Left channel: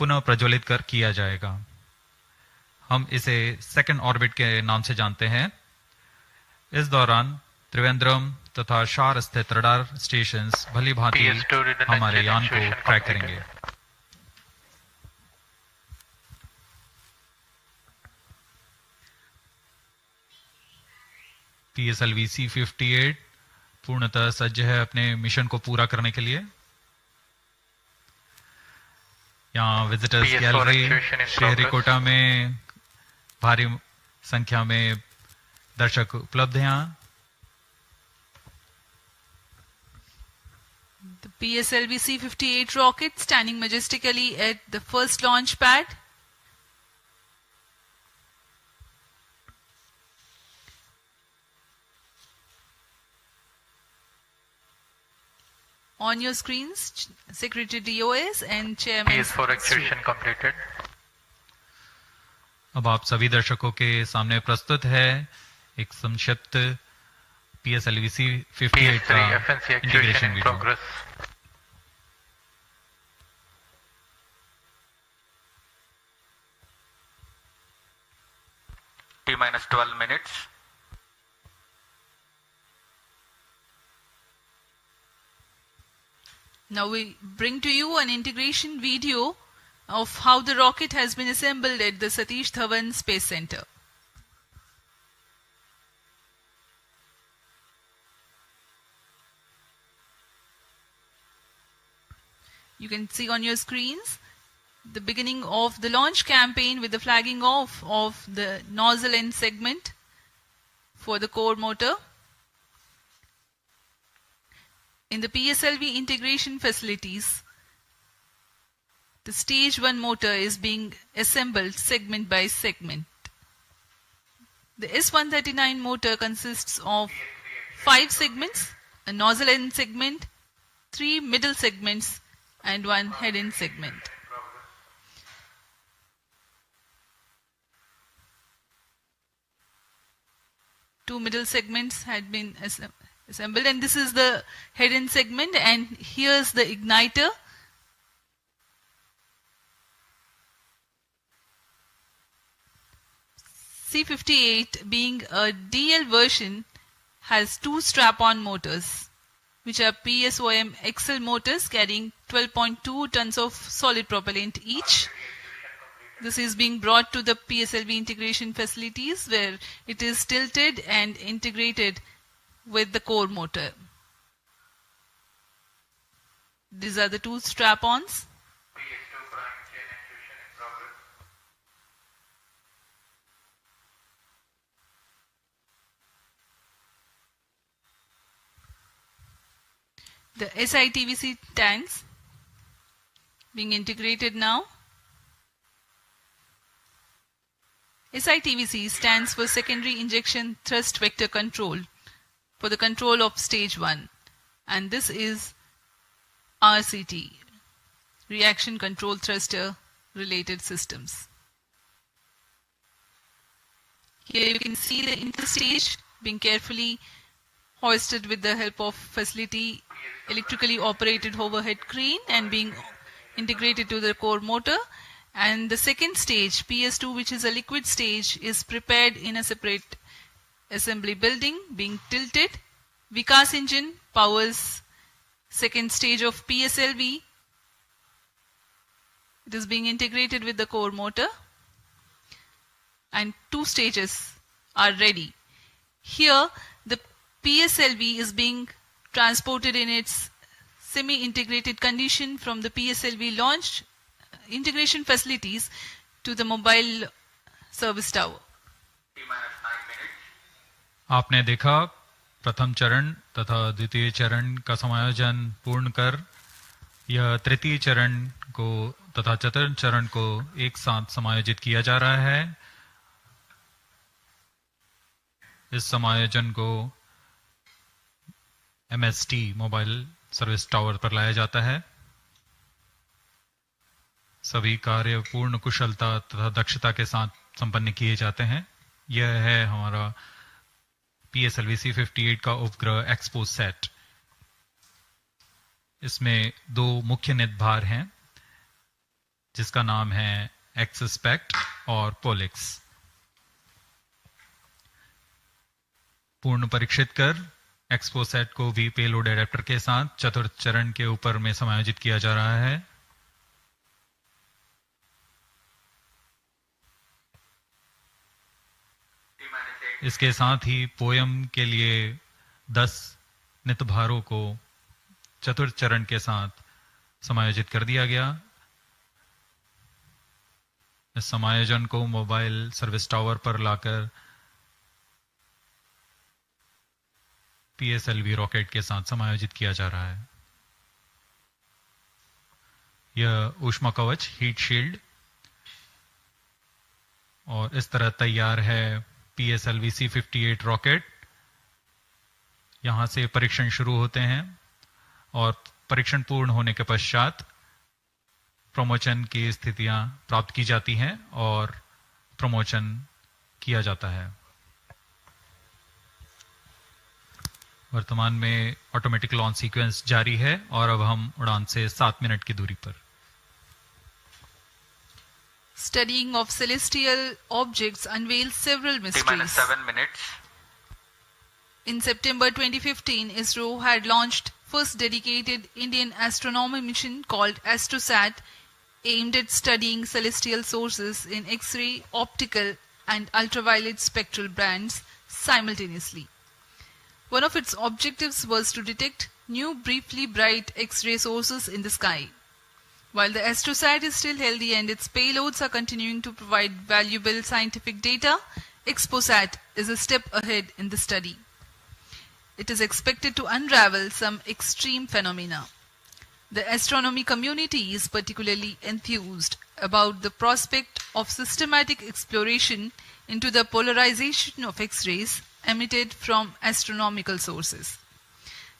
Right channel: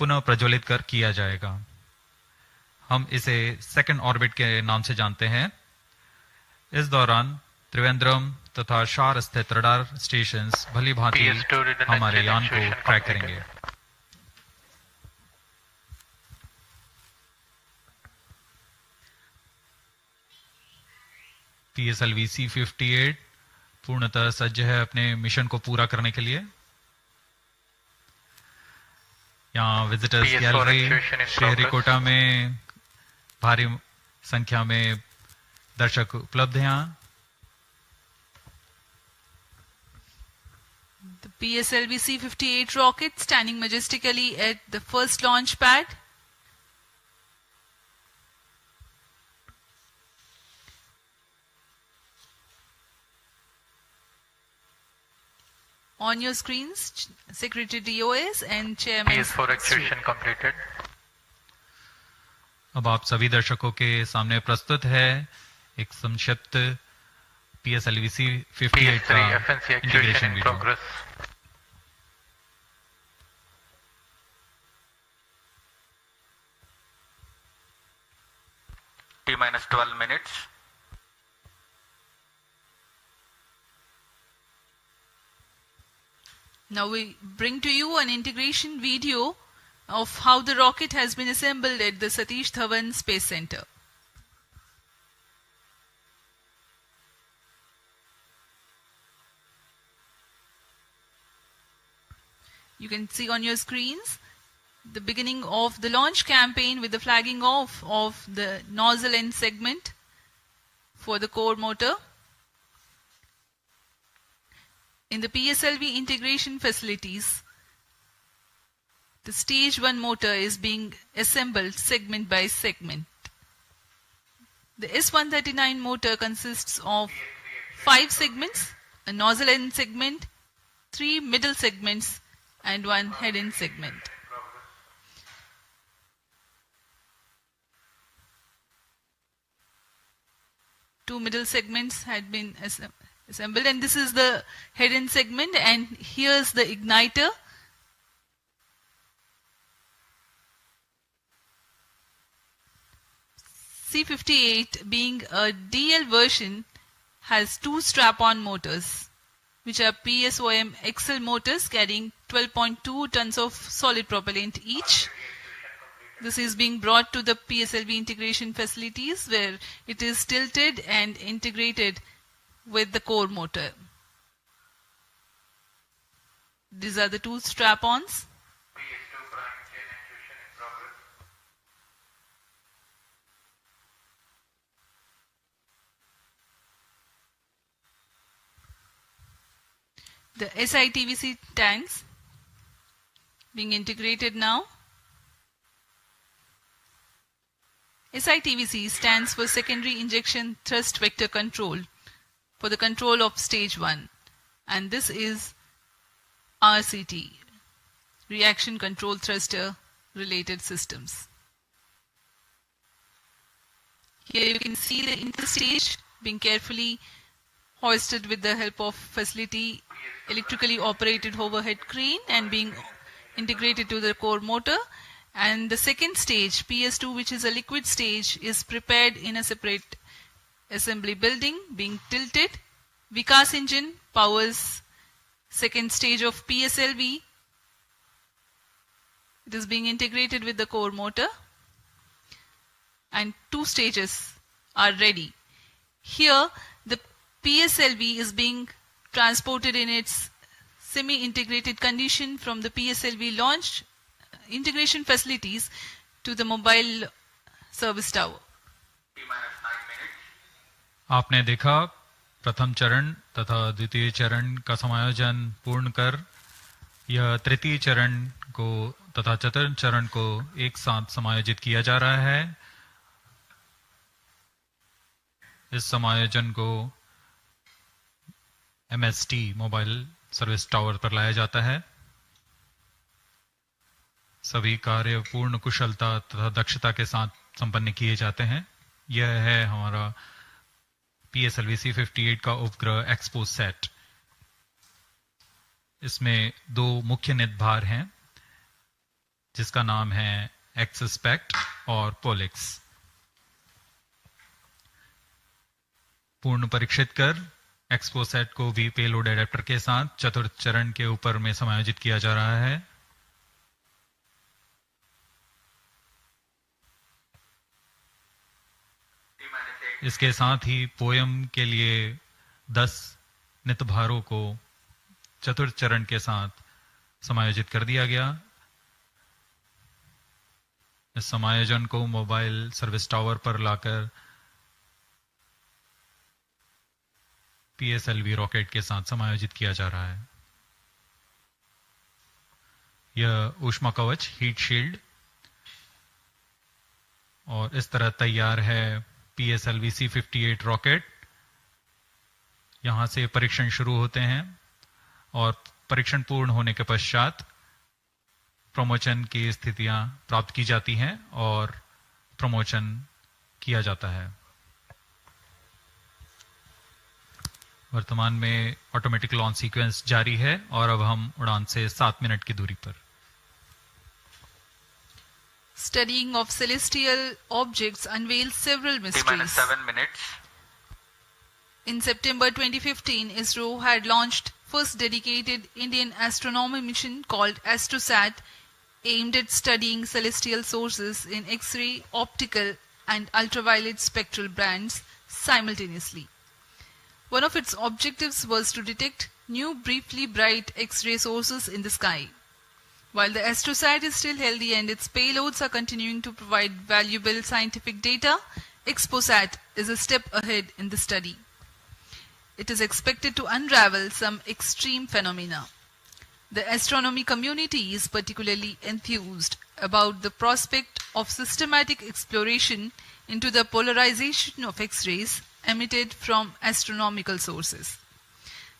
पुनः प्रज्वलित किया जाएगा। हम इसे सेकंड ऑर्बिट के नाम से जानते हैं। इस दौरान त्रिवेंद्रम तथा शार स्थित रडार स्टेशंस भली भांति हमारे यान को ट्रैक करेंगे। PSLV-C58 पूर्णतः सज्ज है अपने मिशन को पूरा करने के लिए। यहाँ विजिटर्स गैलरी श्रीहरिकोटा में भारी संख्या में दर्शक उपलब्ध हैं। The PSLV-C58 rocket standing majestically at the first launch pad. On your screens, Secretary DOS and Chairman. PS4 activation completed. अब आप सभी दर्शकों के सामने प्रस्तुत है एक संक्षिप्त PSLV-C58 का integration video. T-12 minutes. Now we bring to you an integration video of how the rocket has been assembled at the Satish Dhawan Space Center. You can see on your screens the beginning of the launch campaign with the flagging off of the nozzle end segment for the core motor. In the PSLV integration facilities, the stage 1 motor is being assembled segment by segment. The S139 motor consists of 5 segments, a nozzle end segment, 3 middle segments, and 1 head end segment. Two middle segments had been assembled, and this is the head end segment, and here's the igniter. C58, being a DL version, has 2 strap-on motors, which are PSOM XL motors carrying 12.2 tons of solid propellant each. This is being brought to the PSLV integration facilities where it is tilted and integrated with the core motor. These are the 2 strap-ons. The SITVC tanks being integrated now. SITVC stands for Secondary Injection Thrust Vector Control for the control of stage 1, and this is RCT, Reaction Control Thruster related systems. Here you can see the interstage being carefully hoisted with the help of facility electrically operated overhead crane and being integrated to the core motor. And the second stage, PS2, which is a liquid stage, is prepared in a separate assembly building, being tilted. Vikas engine powers second stage of PSLV. It is being integrated with the core motor, and 2 stages are ready. Here, the PSLV is being transported in its semi-integrated condition from the PSLV launch integration facilities to the mobile service tower. आपने देखा प्रथम चरण तथा द्वितीय चरण का समायोजन पूर्ण कर यह तृतीय चरण को तथा चतुर्थ चरण को एक साथ समायोजित किया जा रहा है। इस समायोजन को MST मोबाइल सर्विस टावर पर लाया जाता है। सभी कार्य पूर्ण कुशलता तथा दक्षता के साथ संपन्न किए जाते हैं। यह है हमारा PSLV-C58 का उपग्रह XPoSat। इसमें 2 मुख्य निदभार हैं। जिसका नाम है XSPECT और पोलिक्स। पूर्ण परीक्षित कर XPoSat को भी पेलोड एडेप्टर के साथ चतुर्थ चरण के ऊपर में समायोजित किया जा रहा है। इसके साथ ही पोयम के लिए 10 नित भारों को चतुर्थ चरण के साथ समायोजित कर दिया गया। इस समायोजन को मोबाइल सर्विस टावर पर लाकर PSLV रॉकेट के साथ समायोजित किया जा रहा है। यह ऊष्मा कवच हीट शील्ड और इस तरह तैयार है PSLV-C58 रॉकेट। यहां से परीक्षण शुरू होते हैं और परीक्षण पूर्ण होने के पश्चात प्रमोशन की स्थितियां प्राप्त की जाती हैं और प्रमोशन किया जाता है। वर्तमान में ऑटोमेटिक लॉन्च सीक्वेंस जारी है और अब हम उड़ान से 7 मिनट की दूरी पर। Studying of celestial objects unveils several mysteries. 7 minutes. In September 2015, ISRO had launched first dedicated Indian astronomy mission called SDSC aimed at studying celestial sources in X-ray, optical and ultraviolet spectral bands simultaneously. One of its objectives was to detect new briefly bright X-ray sources in the sky. While the SDSC is still healthy and its payloads are continuing to provide valuable scientific data, XPoSat is a step ahead in the study. It is expected to unravel some extreme phenomena. The astronomy community is particularly enthused about the prospect of systematic exploration into the polarization of X-rays emitted from astronomical sources.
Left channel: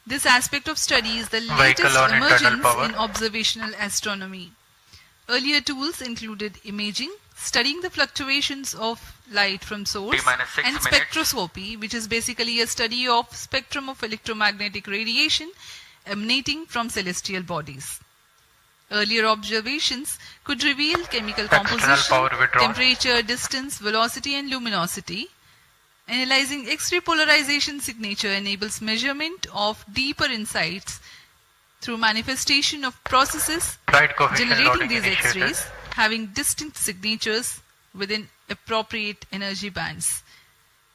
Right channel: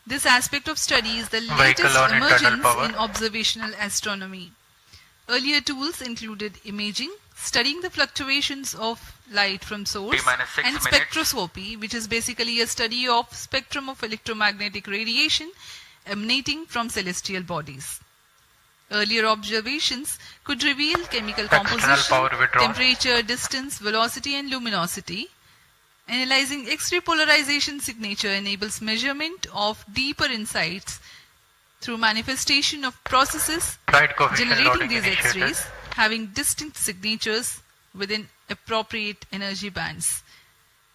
This aspect of study is the latest emergence in observational astronomy. Earlier tools included imaging, studying the fluctuations of light from source, and spectroscopy, which is basically a study of spectrum of electromagnetic radiation emanating from celestial bodies. Earlier observations could reveal chemical composition, temperature, distance, velocity, and luminosity. Analyzing X-ray polarization signature enables measurement of deeper insights through manifestation of processes generating these X-rays having distinct signatures within appropriate energy bands,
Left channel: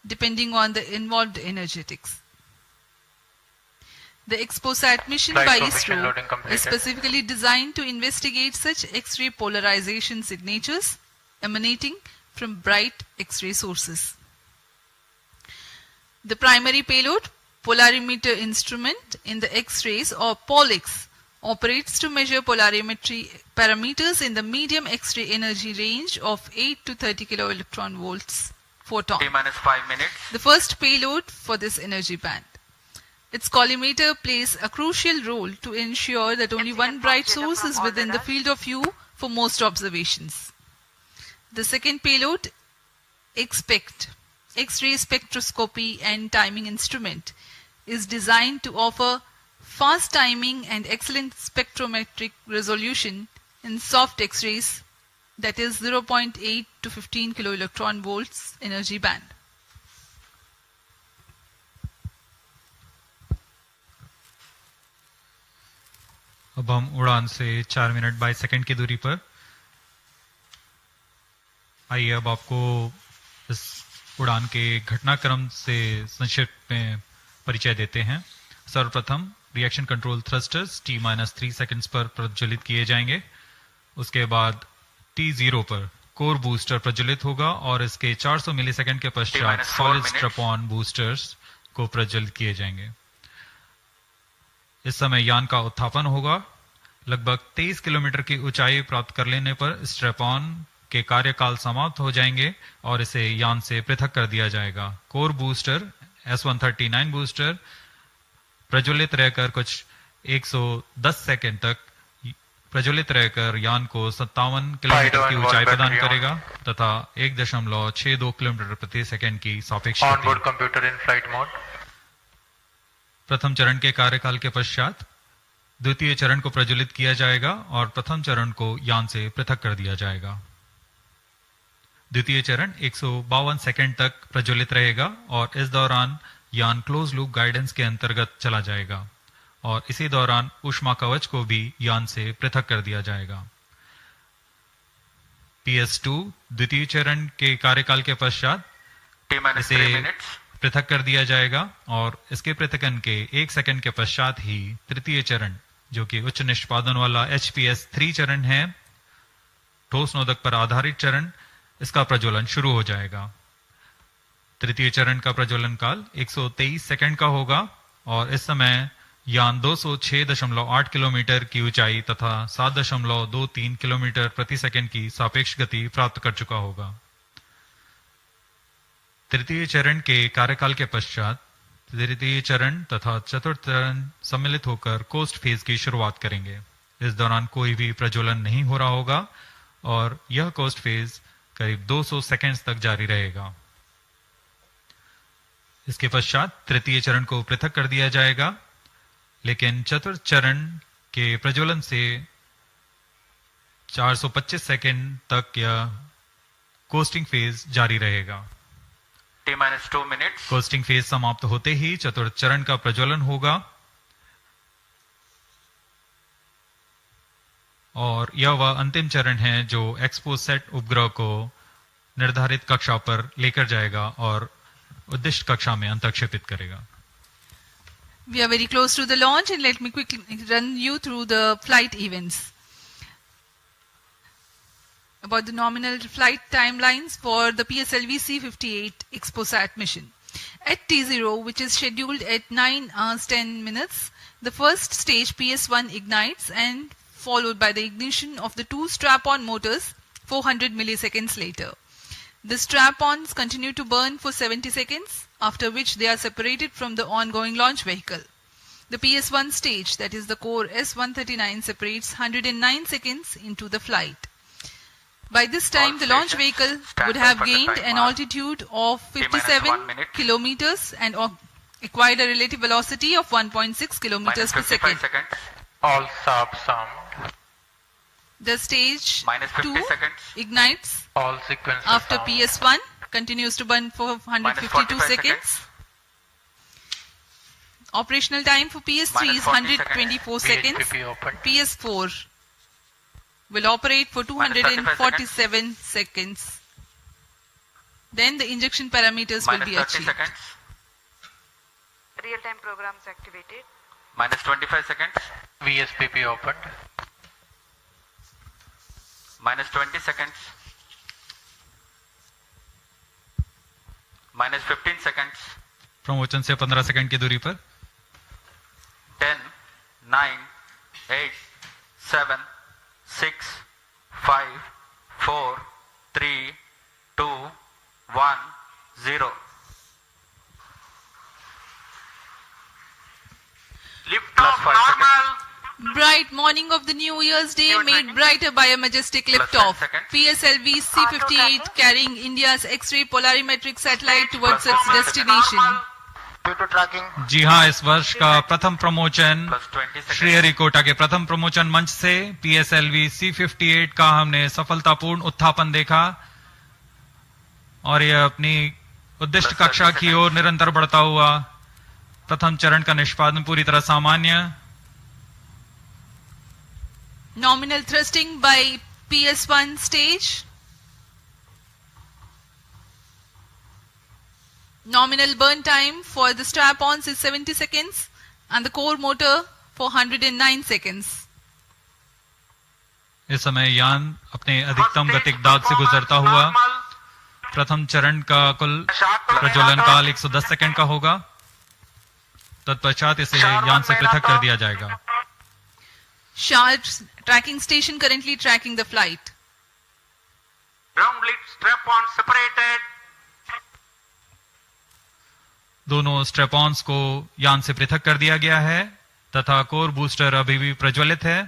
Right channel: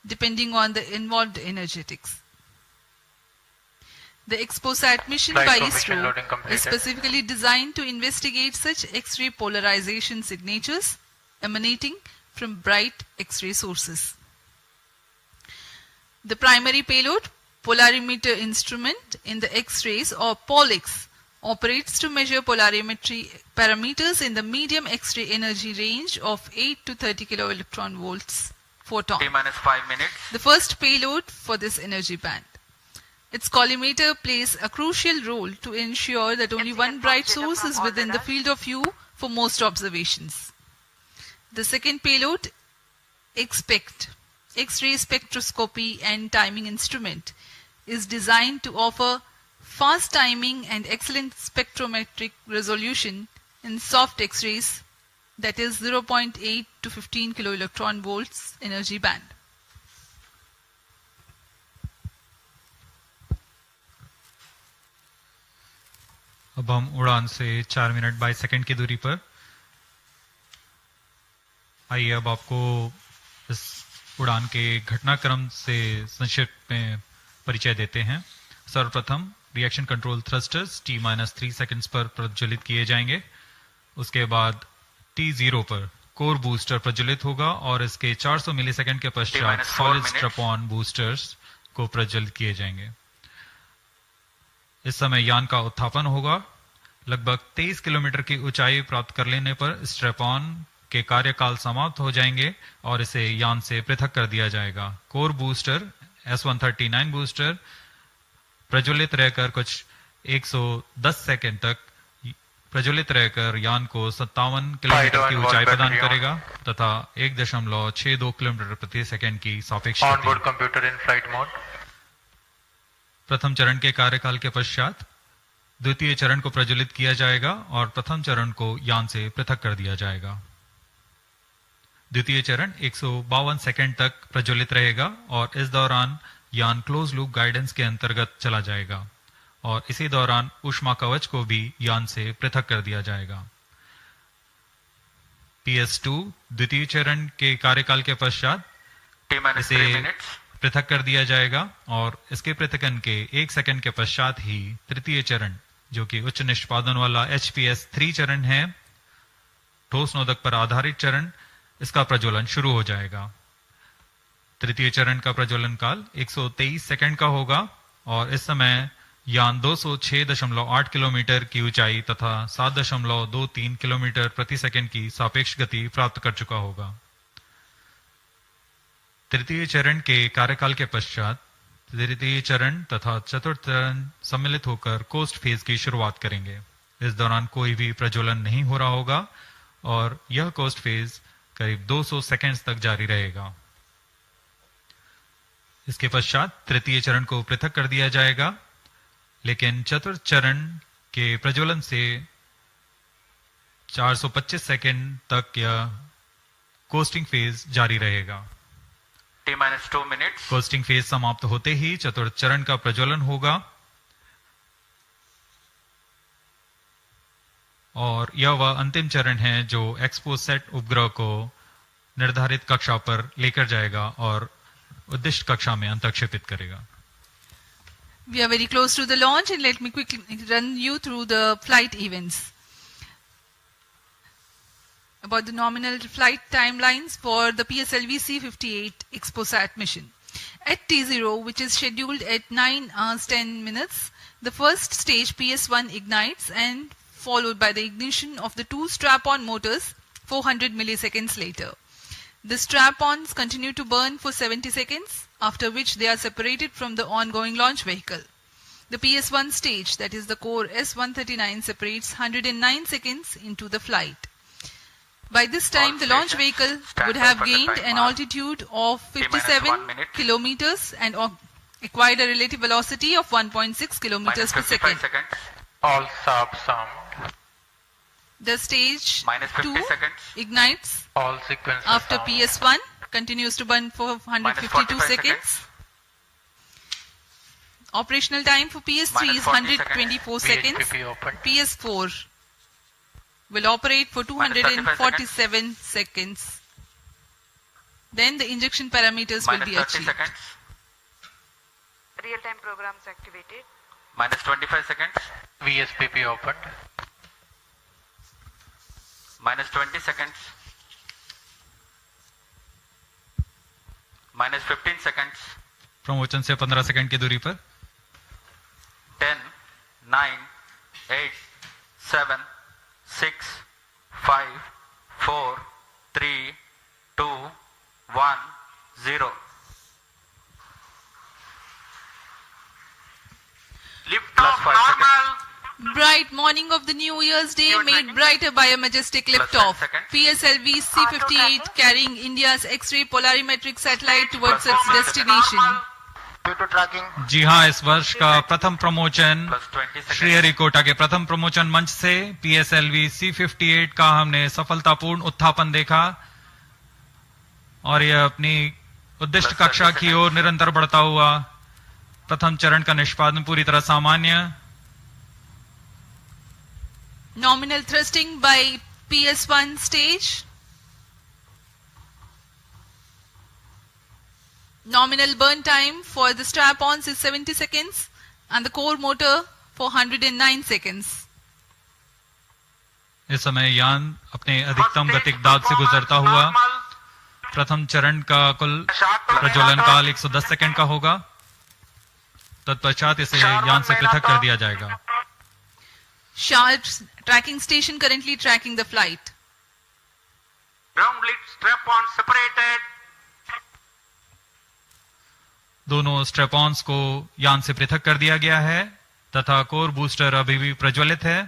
depending on the involved energetics. The XPoSat mission by ISRO is specifically designed to investigate such X-ray polarization signatures emanating from bright X-ray sources. The primary payload, polarimeter instrument in the X-rays or POLIX, operates to measure polarimetry parameters in the medium X-ray energy range of 8 to 30 kiloelectron volts photon. T-5 minutes. The first payload for this energy band. Its collimator plays a crucial role to ensure that only one bright source is within the field of view for most observations. The second payload, XPECT, X-ray spectroscopy and timing instrument, is designed to offer fast timing and excellent spectrometric resolution in soft X-rays, that is 0.8 to 15 kiloelectron volts energy band. अब हम उड़ान से 4 minute 22 second की दूरी पर। आइए अब आपको इस उड़ान के घटनाक्रम से संक्षिप्त में परिचय देते हैं। सर्वप्रथम reaction control thrusters T-3 seconds पर प्रज्वलित किए जाएंगे। उसके बाद T0 पर कोर बूस्टर प्रज्वलित होगा और इसके 400 मिलीसेकंड के पश्चात सॉलिड स्ट्रैप-ऑन बूस्टर्स को प्रज्वलित किए जाएंगे। इस समय यान का उत्थापन होगा। लगभग 23 किलोमीटर की ऊंचाई प्राप्त कर लेने पर स्ट्रैप-ऑन के कार्यकाल समाप्त हो जाएंगे और इसे यान से पृथक कर दिया जाएगा। कोर बूस्टर S139 बूस्टर प्रज्वलित रहकर कुछ 110 सेकंड तक प्रज्वलित रहकर यान को 57 किलोमीटर की ऊंचाई प्रदान करेगा तथा 1.62 किलोमीटर प्रति सेकंड की सापेक्ष गति। प्रथम चरण के कार्यकाल के पश्चात द्वितीय चरण को प्रज्वलित किया जाएगा और प्रथम चरण को यान से पृथक कर दिया जाएगा। द्वितीय चरण 152 सेकंड तक प्रज्वलित रहेगा और इस दौरान यान क्लोज लूप गाइडेंस के अंतर्गत चला जाएगा और इसी दौरान ऊष्मा कवच को भी यान से पृथक कर दिया जाएगा। PS2 द्वितीय चरण के कार्यकाल के पश्चात इसे पृथक कर दिया जाएगा और इसके पृथकन के 1 सेकंड के पश्चात ही तृतीय चरण, जो कि उच्च निष्पादन वाला HPS3 चरण है, ठोस नोदक पर आधारित चरण, इसका प्रज्वलन शुरू हो जाएगा। तृतीय चरण का प्रज्वलन काल 123 सेकंड का होगा और इस समय यान 206.8 किलोमीटर की ऊंचाई तथा 7.23 किलोमीटर प्रति सेकंड की सापेक्ष गति प्राप्त कर चुका होगा। तृतीय चरण के कार्यकाल के पश्चात तृतीय चरण तथा चतुर्थ चरण सम्मिलित होकर कोस्ट फेज की शुरुआत करेंगे। इस दौरान कोई भी प्रज्वलन नहीं हो रहा होगा और यह कोस्ट फेज करीब 200 सेकंड्स तक जारी रहेगा। इसके पश्चात तृतीय चरण को पृथक कर दिया जाएगा, लेकिन चतुर्थ चरण के प्रज्वलन से 425 सेकंड तक यह कोस्टिंग फेज जारी रहेगा। T-2 minutes. कोस्टिंग फेज समाप्त होते ही चतुर्थ चरण का प्रज्वलन होगा और यह वह अंतिम चरण है जो XPoSat उपग्रह को निर्धारित कक्षा पर लेकर जाएगा और उद्दिष्ट कक्षा में अंतक्षेपित करेगा। We are very close to the launch and let me quickly run you through the flight events. About the nominal flight timelines for the PSLV-C58 XPoSat mission. At T0, which is scheduled at 9 hours 10 minutes, the first stage PS1 ignites and followed by the ignition of the two strap-on motors 400 milliseconds later. The strap-ons continue to burn for 70 seconds, after which they are separated from the ongoing launch vehicle. The PS1 stage, that is the core S139, separates 109 seconds into the flight. By this time, the launch vehicle would have gained an altitude of 57 kilometers and acquired a relative velocity of 1.6 kilometers per second. All subs armed. The stage 2 ignites All sequences after armed. PS1, continues to burn for 152 seconds. Operational time for PS3 is 124 seconds. VHPP open. PS4 will operate for 247 seconds. Then the injection parameters will be Minus 30 achieved. seconds. Real-time programs activated. Minus 25 seconds. VSPP opened. Minus 20 seconds. Minus 15 seconds. प्रमोचन से 15 second की दूरी पर 10, 9, 8, 7, 6, 5, 4, 3, 2, 1, 0. Lift off normal. Bright morning of the New Year's Day made brighter by a majestic liftoff. PSLV-C58 carrying India's X-ray polarimetric satellite towards its destination. Due to tracking. जी हाँ, इस वर्ष का प्रथम प्रमोचन Plus 20 seconds. Sriharikota के प्रथम प्रमोचन मंच से PSLV-C58 का हमने सफलतापूर्ण उत्थापन देखा और यह अपनी उद्दिष्ट कक्षा की ओर निरंतर बढ़ता हुआ। प्रथम चरण का निष्पादन पूरी तरह सामान्य। Nominal thrusting by PS1 stage. Nominal burn time for the strap-ons is 70 seconds and the core motor for 109 seconds. इस समय यान अपने अधिकतम गतिक दाब से गुजरता हुआ। प्रथम चरण का कुल प्रज्वलन काल 110 सेकंड का होगा। तत्पश्चात इसे यान से पृथक कर दिया जाएगा। SHAR tracking station currently tracking the flight. Ground lead strap-on separated. दोनों स्ट्रेपॉन्स को यान से पृथक कर दिया गया है तथा कोर बूस्टर अभी भी प्रज्वलित है।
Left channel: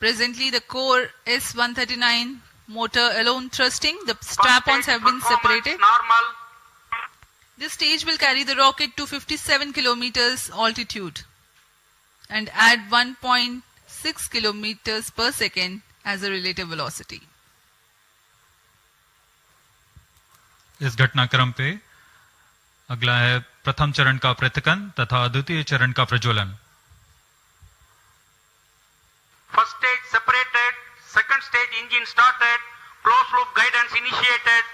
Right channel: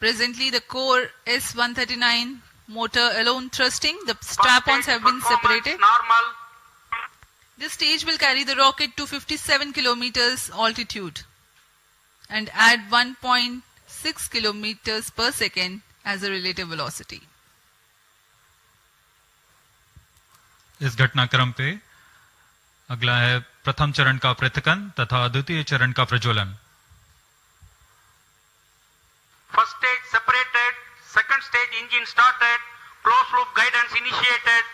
Presently, the core S139 motor alone thrusting. The strap-ons have been separated. Normal. This stage will carry the rocket to 57 kilometers altitude. and add 1.6 kilometers per second as a relative velocity. इस घटनाक्रम पे अगला है प्रथम चरण का पृथक्कन तथा द्वितीय चरण का प्रज्वलन। First stage separated, second stage engine started, closed loop guidance initiated.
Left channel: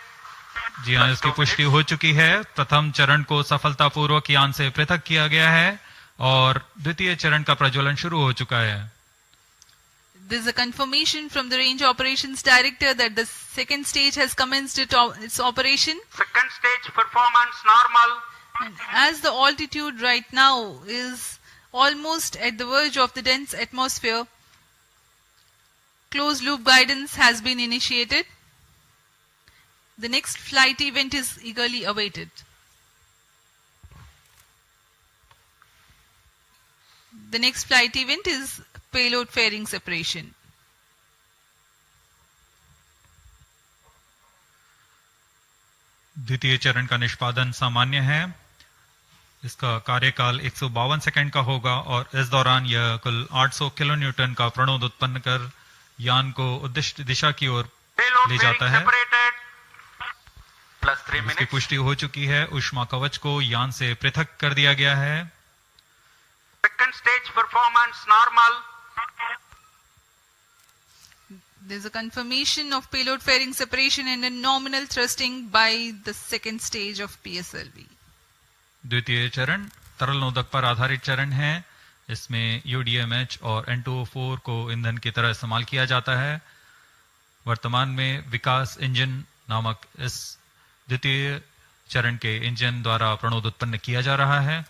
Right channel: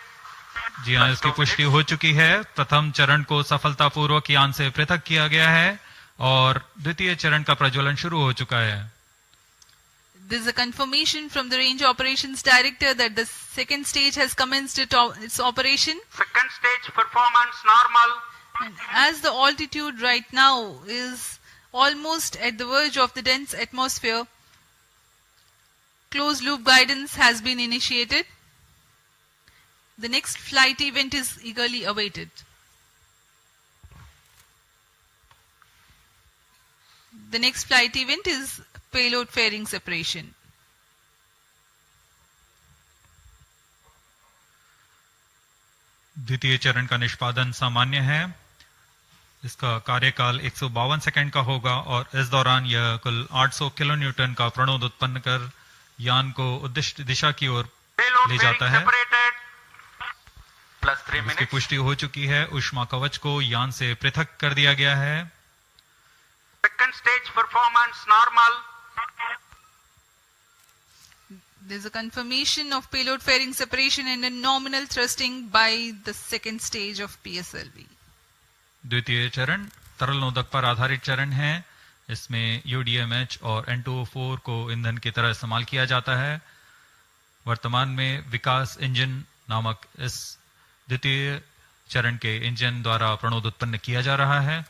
जी हाँ, इसकी पुष्टि हो चुकी है। प्रथम चरण को सफलतापूर्वक यान से पृथक किया गया है और द्वितीय चरण का प्रज्वलन शुरू हो चुका है। There is a confirmation from the range operations director that the second stage has commenced its operation. Second stage performance normal. And as the altitude right now is almost at the verge of the dense atmosphere, closed loop guidance has been initiated. The next flight event is eagerly awaited. The next flight event is payload fairing separation. द्वितीय चरण का निष्पादन सामान्य है। इसका कार्यकाल 152 second का होगा और इस दौरान यह कुल 800 किलो न्यूटन का प्रणोद उत्पन्न कर यान को उद्दिष्ट दिशा की ओर ले जाता है। इसकी पुष्टि हो चुकी है। ऊष्मा कवच को यान से पृथक कर दिया गया है। Second stage performance normal. There is a confirmation of payload fairing separation and a nominal thrusting by the second stage of PSLV. द्वितीय चरण तरल नोदक पर आधारित चरण है। इसमें UDMH और N2O4 को ईंधन की तरह इस्तेमाल किया जाता है। वर्तमान में विकास इंजन नामक इस द्वितीय चरण के इंजन द्वारा प्रणोद उत्पन्न किया जा रहा है।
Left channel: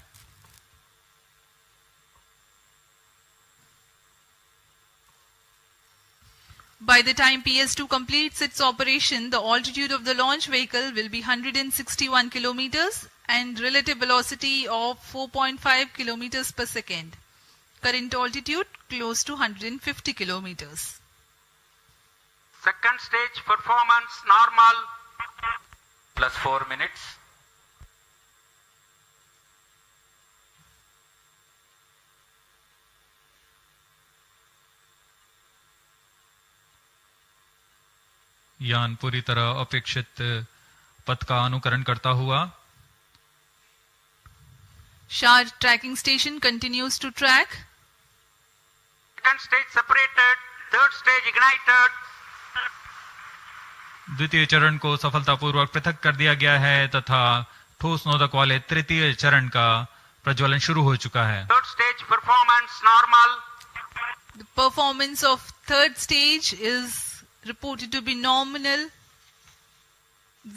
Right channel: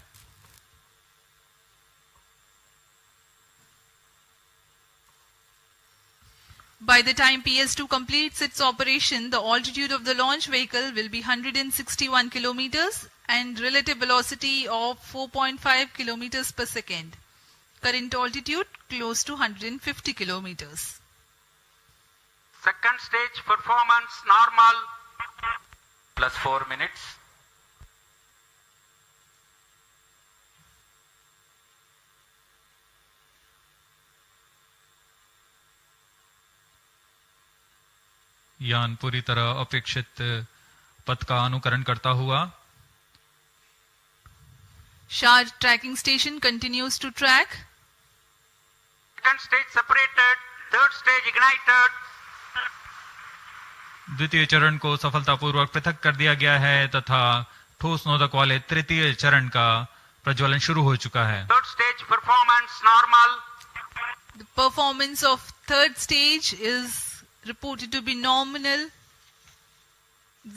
By the time PS2 completes its operation, the altitude of the launch vehicle will be 161 kilometers and relative velocity of 4.5 kilometers per second. Current altitude close to 150 kilometers. Second stage performance normal. Plus 4 minutes. यान पूरी तरह अपेक्षित पथ का अनुकरण करता हुआ SHAR tracking station continues to track. Second stage separated, third stage ignited. द्वितीय चरण को सफलतापूर्वक पृथक कर दिया गया है तथा ठोस नोदक वाले तृतीय चरण का प्रज्वलन शुरू हो चुका है। Third stage performance normal. The performance of third stage is reported to be nominal.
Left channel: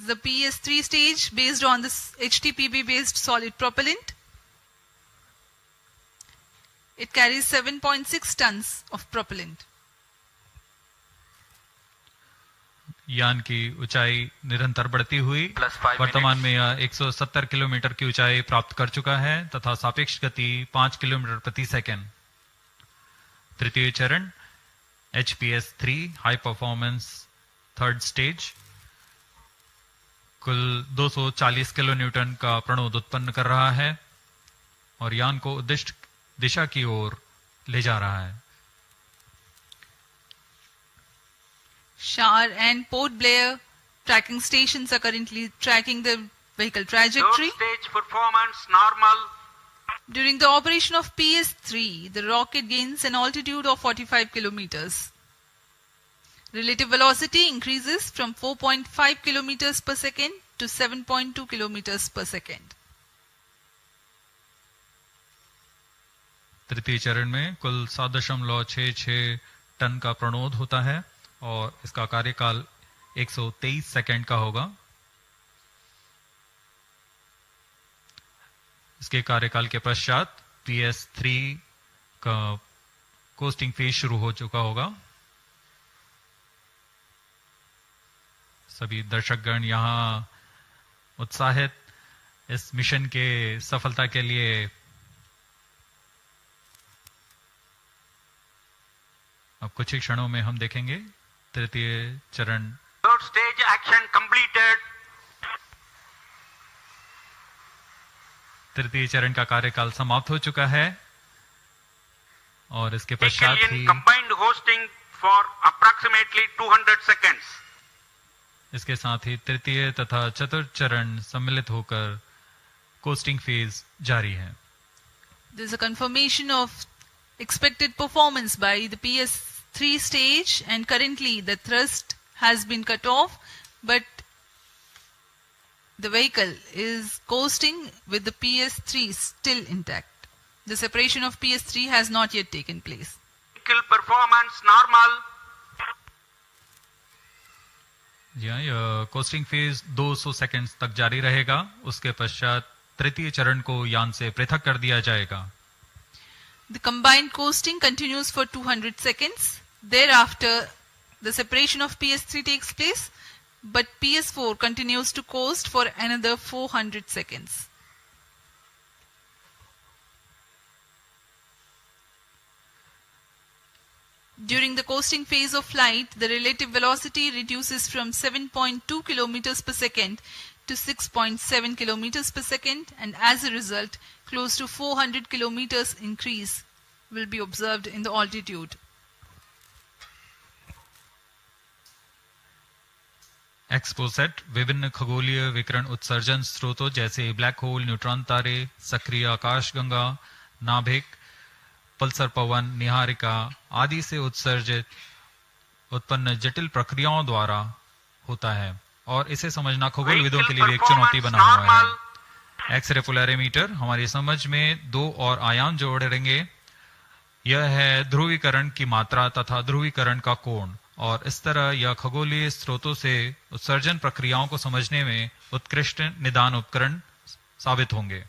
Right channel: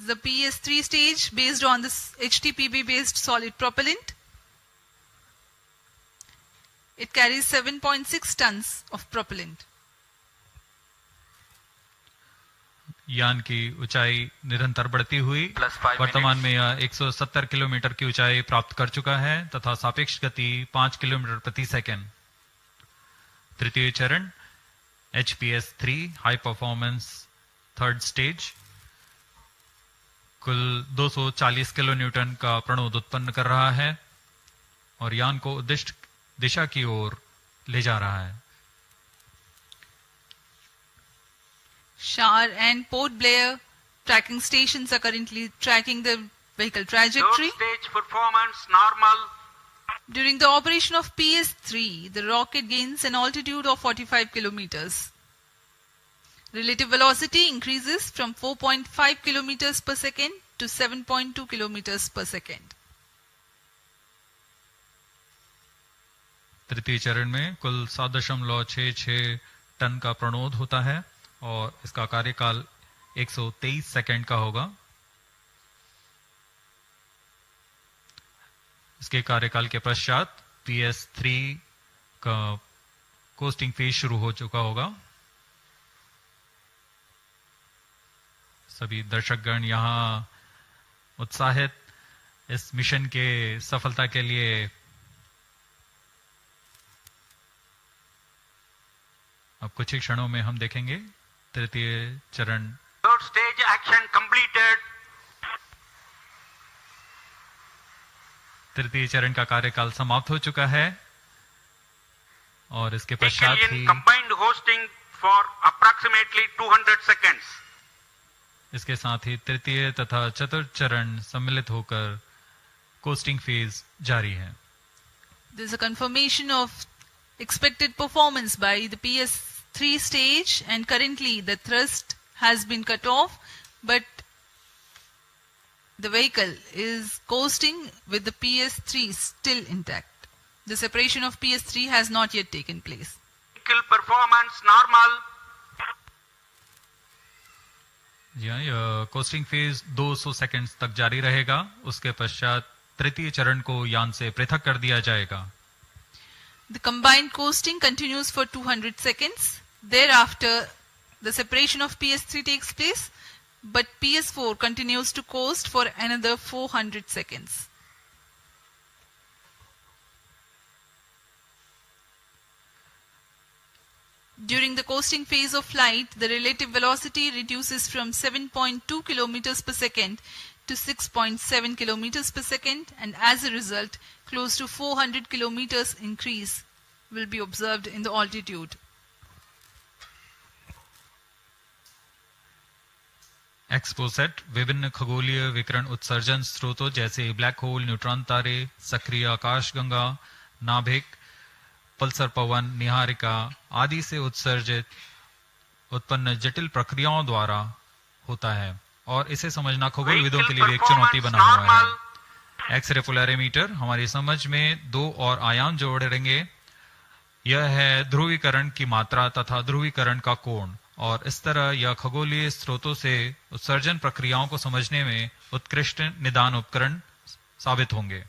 The PS3 stage based on this HTPB based solid propellant. It carries 7.6 tons of propellant. यान की ऊंचाई निरंतर बढ़ती हुई वर्तमान में यह 170 किलोमीटर की ऊंचाई प्राप्त कर चुका है तथा सापेक्ष गति 5 किलोमीटर प्रति सेकंड। तृतीय चरण HPS3 high performance third stage कुल 240 किलो न्यूटन का प्रणोद उत्पन्न कर रहा है और यान को उद्दिष्ट दिशा की ओर ले जा रहा है। SHAR and Port Blair tracking stations are currently tracking the vehicle trajectory. Third stage performance normal. During the operation of PS3, the rocket gains an altitude of 45 kilometers. Relative velocity increases from 4.5 kilometers per second to 7.2 kilometers per second. तृतीय चरण में कुल 7.66 ton का प्रणोद होता है और इसका कार्यकाल 123 सेकंड का होगा। इसके कार्यकाल के पश्चात PS3 का कोस्टिंग फेज शुरू हो चुका होगा। सभी दर्शकगण यहाँ उत्साहित इस मिशन के सफलता के लिए अब कुछ ही क्षणों में हम देखेंगे तृतीय चरण। Third stage action completed. तृतीय चरण का कार्यकाल समाप्त हो चुका है। और इसके पश्चात Vehicle he in combined hosting for approximately 200 seconds. इसके साथ ही तृतीय तथा चतुर्थ चरण सम्मिलित होकर कोस्टिंग फेज जारी है. There is a confirmation of expected performance by the PS3 stage, and currently the thrust has been cut off, but the vehicle is coasting with the PS3 still intact. The separation of PS3 has not yet taken place. Vehicle performance normal. जी हाँ, यह costing phase 200 seconds तक जारी रहेगा. उसके पश्चात तृतीय चरण को यान से पृथक कर दिया जाएगा. The combined coasting continues for 200 seconds. Thereafter, the separation of PS3 takes place, but PS4 continues to coast for another 400 seconds. During the coasting phase of flight, the relative velocity reduces from 7.2 kilometers per second to 6.7 kilometers per second, and as a result, close to 400 kilometers increase will be observed in the altitude. XPoSat विभिन्न खगोलीय विकिरण उत्सर्जन स्रोतों जैसे black hole, neutron तारे, सक्रिय आकाशगंगा, नाभिक, पल्सर पवन, निहारिका आदि से उत्सर्जित उत्पन्न जटिल प्रक्रियाओं द्वारा होता है, और इसे समझना खगोलविदों के लिए भी एक चुनौती बना हुआ है. एक्सरे पोलैरिमीटर हमारी समझ में दो और आयाम जोड़ेंगे. यह है ध्रुवीकरण की मात्रा तथा ध्रुवीकरण का कोण, और इस तरह यह खगोलीय स्रोतों से उत्सर्जन प्रक्रियाओं को समझने में उत्कृष्ट निदान उपकरण साबित होंगे.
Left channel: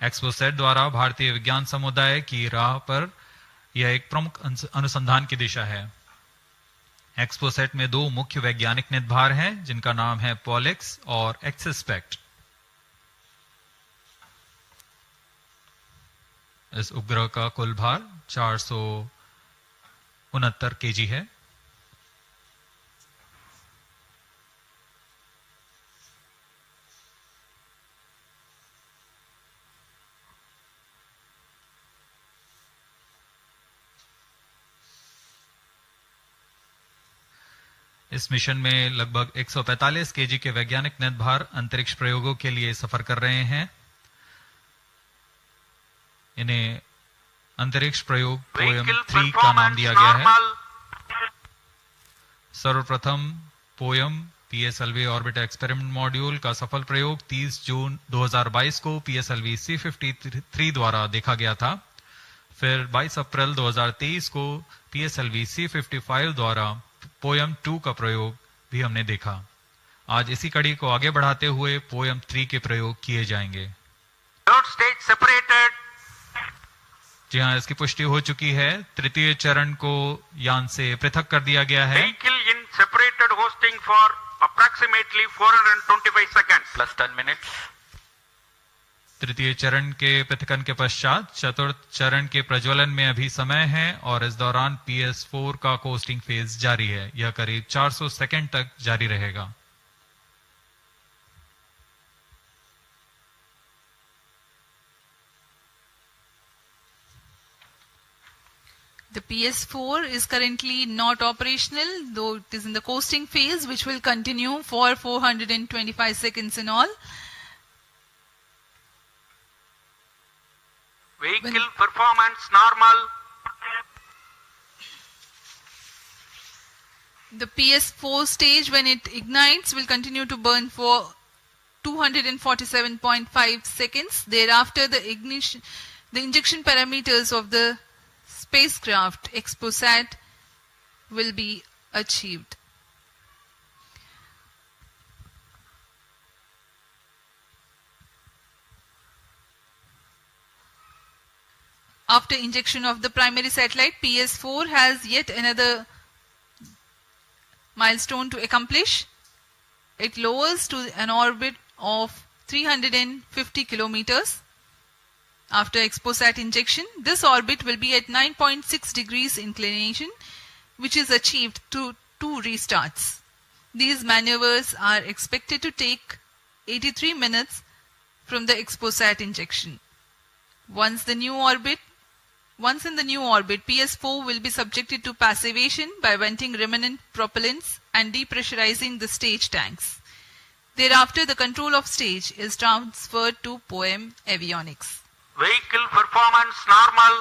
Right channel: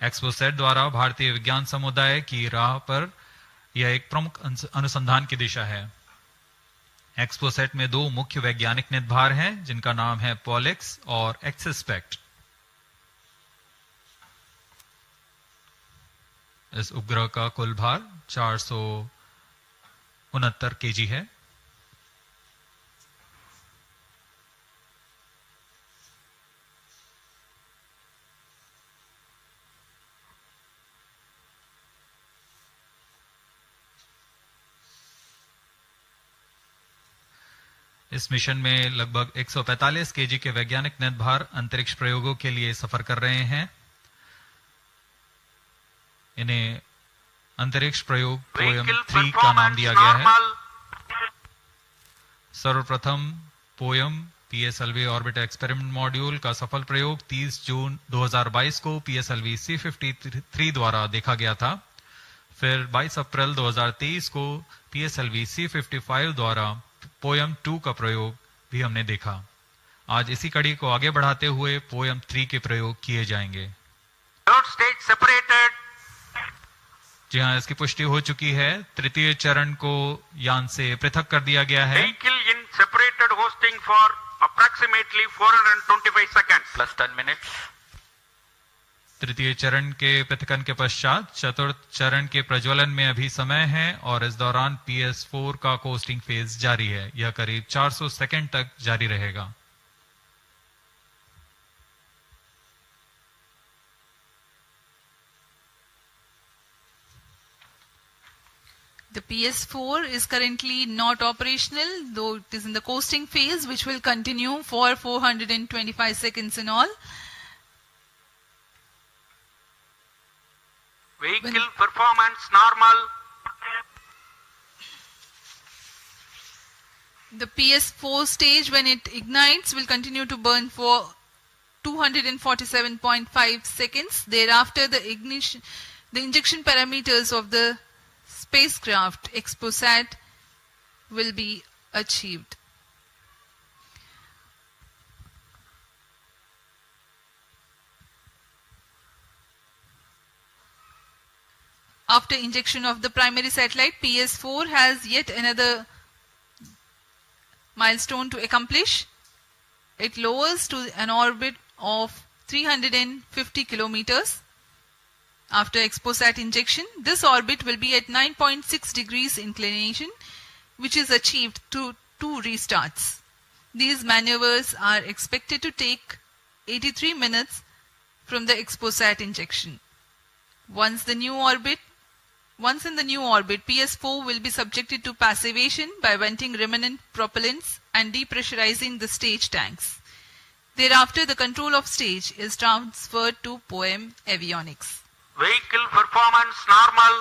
एक्सपोसैट द्वारा भारतीय विज्ञान समुदाय की राह पर यह एक प्रमुख अनुसंधान की दिशा है. एक्सपोसैट में दो मुख्य वैज्ञानिक निदभार हैं, जिनका नाम है पॉलिक्स और एक्सस्पेक्ट. इस उपग्रह का कुल भार 469 केजी है. इस मिशन में लगभग 145 केजी के वैज्ञानिक निदभार अंतरिक्ष प्रयोगों के लिए सफर कर रहे हैं. इन्हें अंतरिक्ष प्रयोग पोयम 3 का नाम दिया गया है. सर्वप्रथम poem PSLV orbit experiment module का सफल प्रयोग 30 जून 2022 को PSLV-C58 द्वारा देखा गया था. फिर 22 अप्रैल 2023 को PSLV-C55 द्वारा पोयम 2 का प्रयोग भी हमने देखा. आज इसी कड़ी को आगे बढ़ाते हुए पोयम 3 के प्रयोग किए जाएंगे. Third stage separated. जी हाँ, इसकी पुष्टि हो चुकी है. तृतीय चरण को यान से पृथक कर दिया गया है. Vehicle in separated hosting for approximately 425 seconds. Plus 10 minutes. तृतीय चरण के पृथकन के पश्चात चतुर्थ चरण के प्रज्वलन में अभी समय है, और इस दौरान PS4 का कोस्टिंग फेज जारी है. यह करीब 400 सेकंड तक जारी रहेगा. The PS4 is currently not operational, though it is in the coasting phase, which will continue for 425 seconds in all. Vehicle performance normal. The PS4 stage, when it ignites, will continue to burn for 247.5 seconds. Thereafter, the injection parameters of the spacecraft XPoSat will be achieved. After injection of the primary satellite, PS4 has yet another milestone to accomplish. It lowers to an orbit of 350 kilometers. After XPoSat injection, this orbit will be at 9.6 degrees inclination, which is achieved through 2 restarts. These maneuvers are expected to take 83 minutes from the XPoSat injection. Once the new orbit Once in the new orbit, PS4 will be subjected to passivation by venting remnant propellants and depressurizing the stage tanks. Thereafter, the control of stage is transferred to POEM avionics. Vehicle performance normal.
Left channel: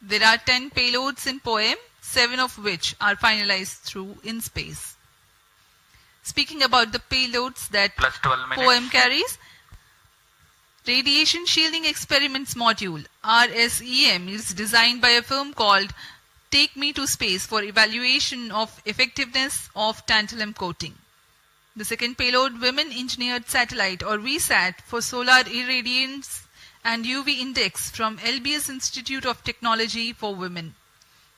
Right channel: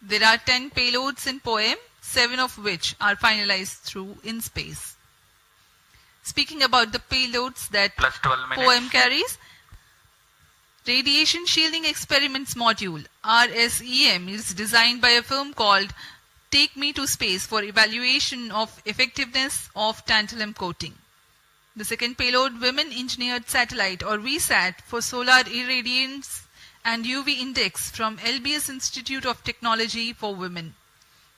There are 10 payloads in POEM, 7 of which are finalized through in space. Speaking about the payloads that Plus 12 minutes. POEM carries, Radiation Shielding Experiments Module RSEM is designed by a firm called Take Me to Space for evaluation of effectiveness of tantalum coating. The second payload, Women Engineered Satellite or VSAT for solar irradiance and UV index from LBS Institute of Technology for Women.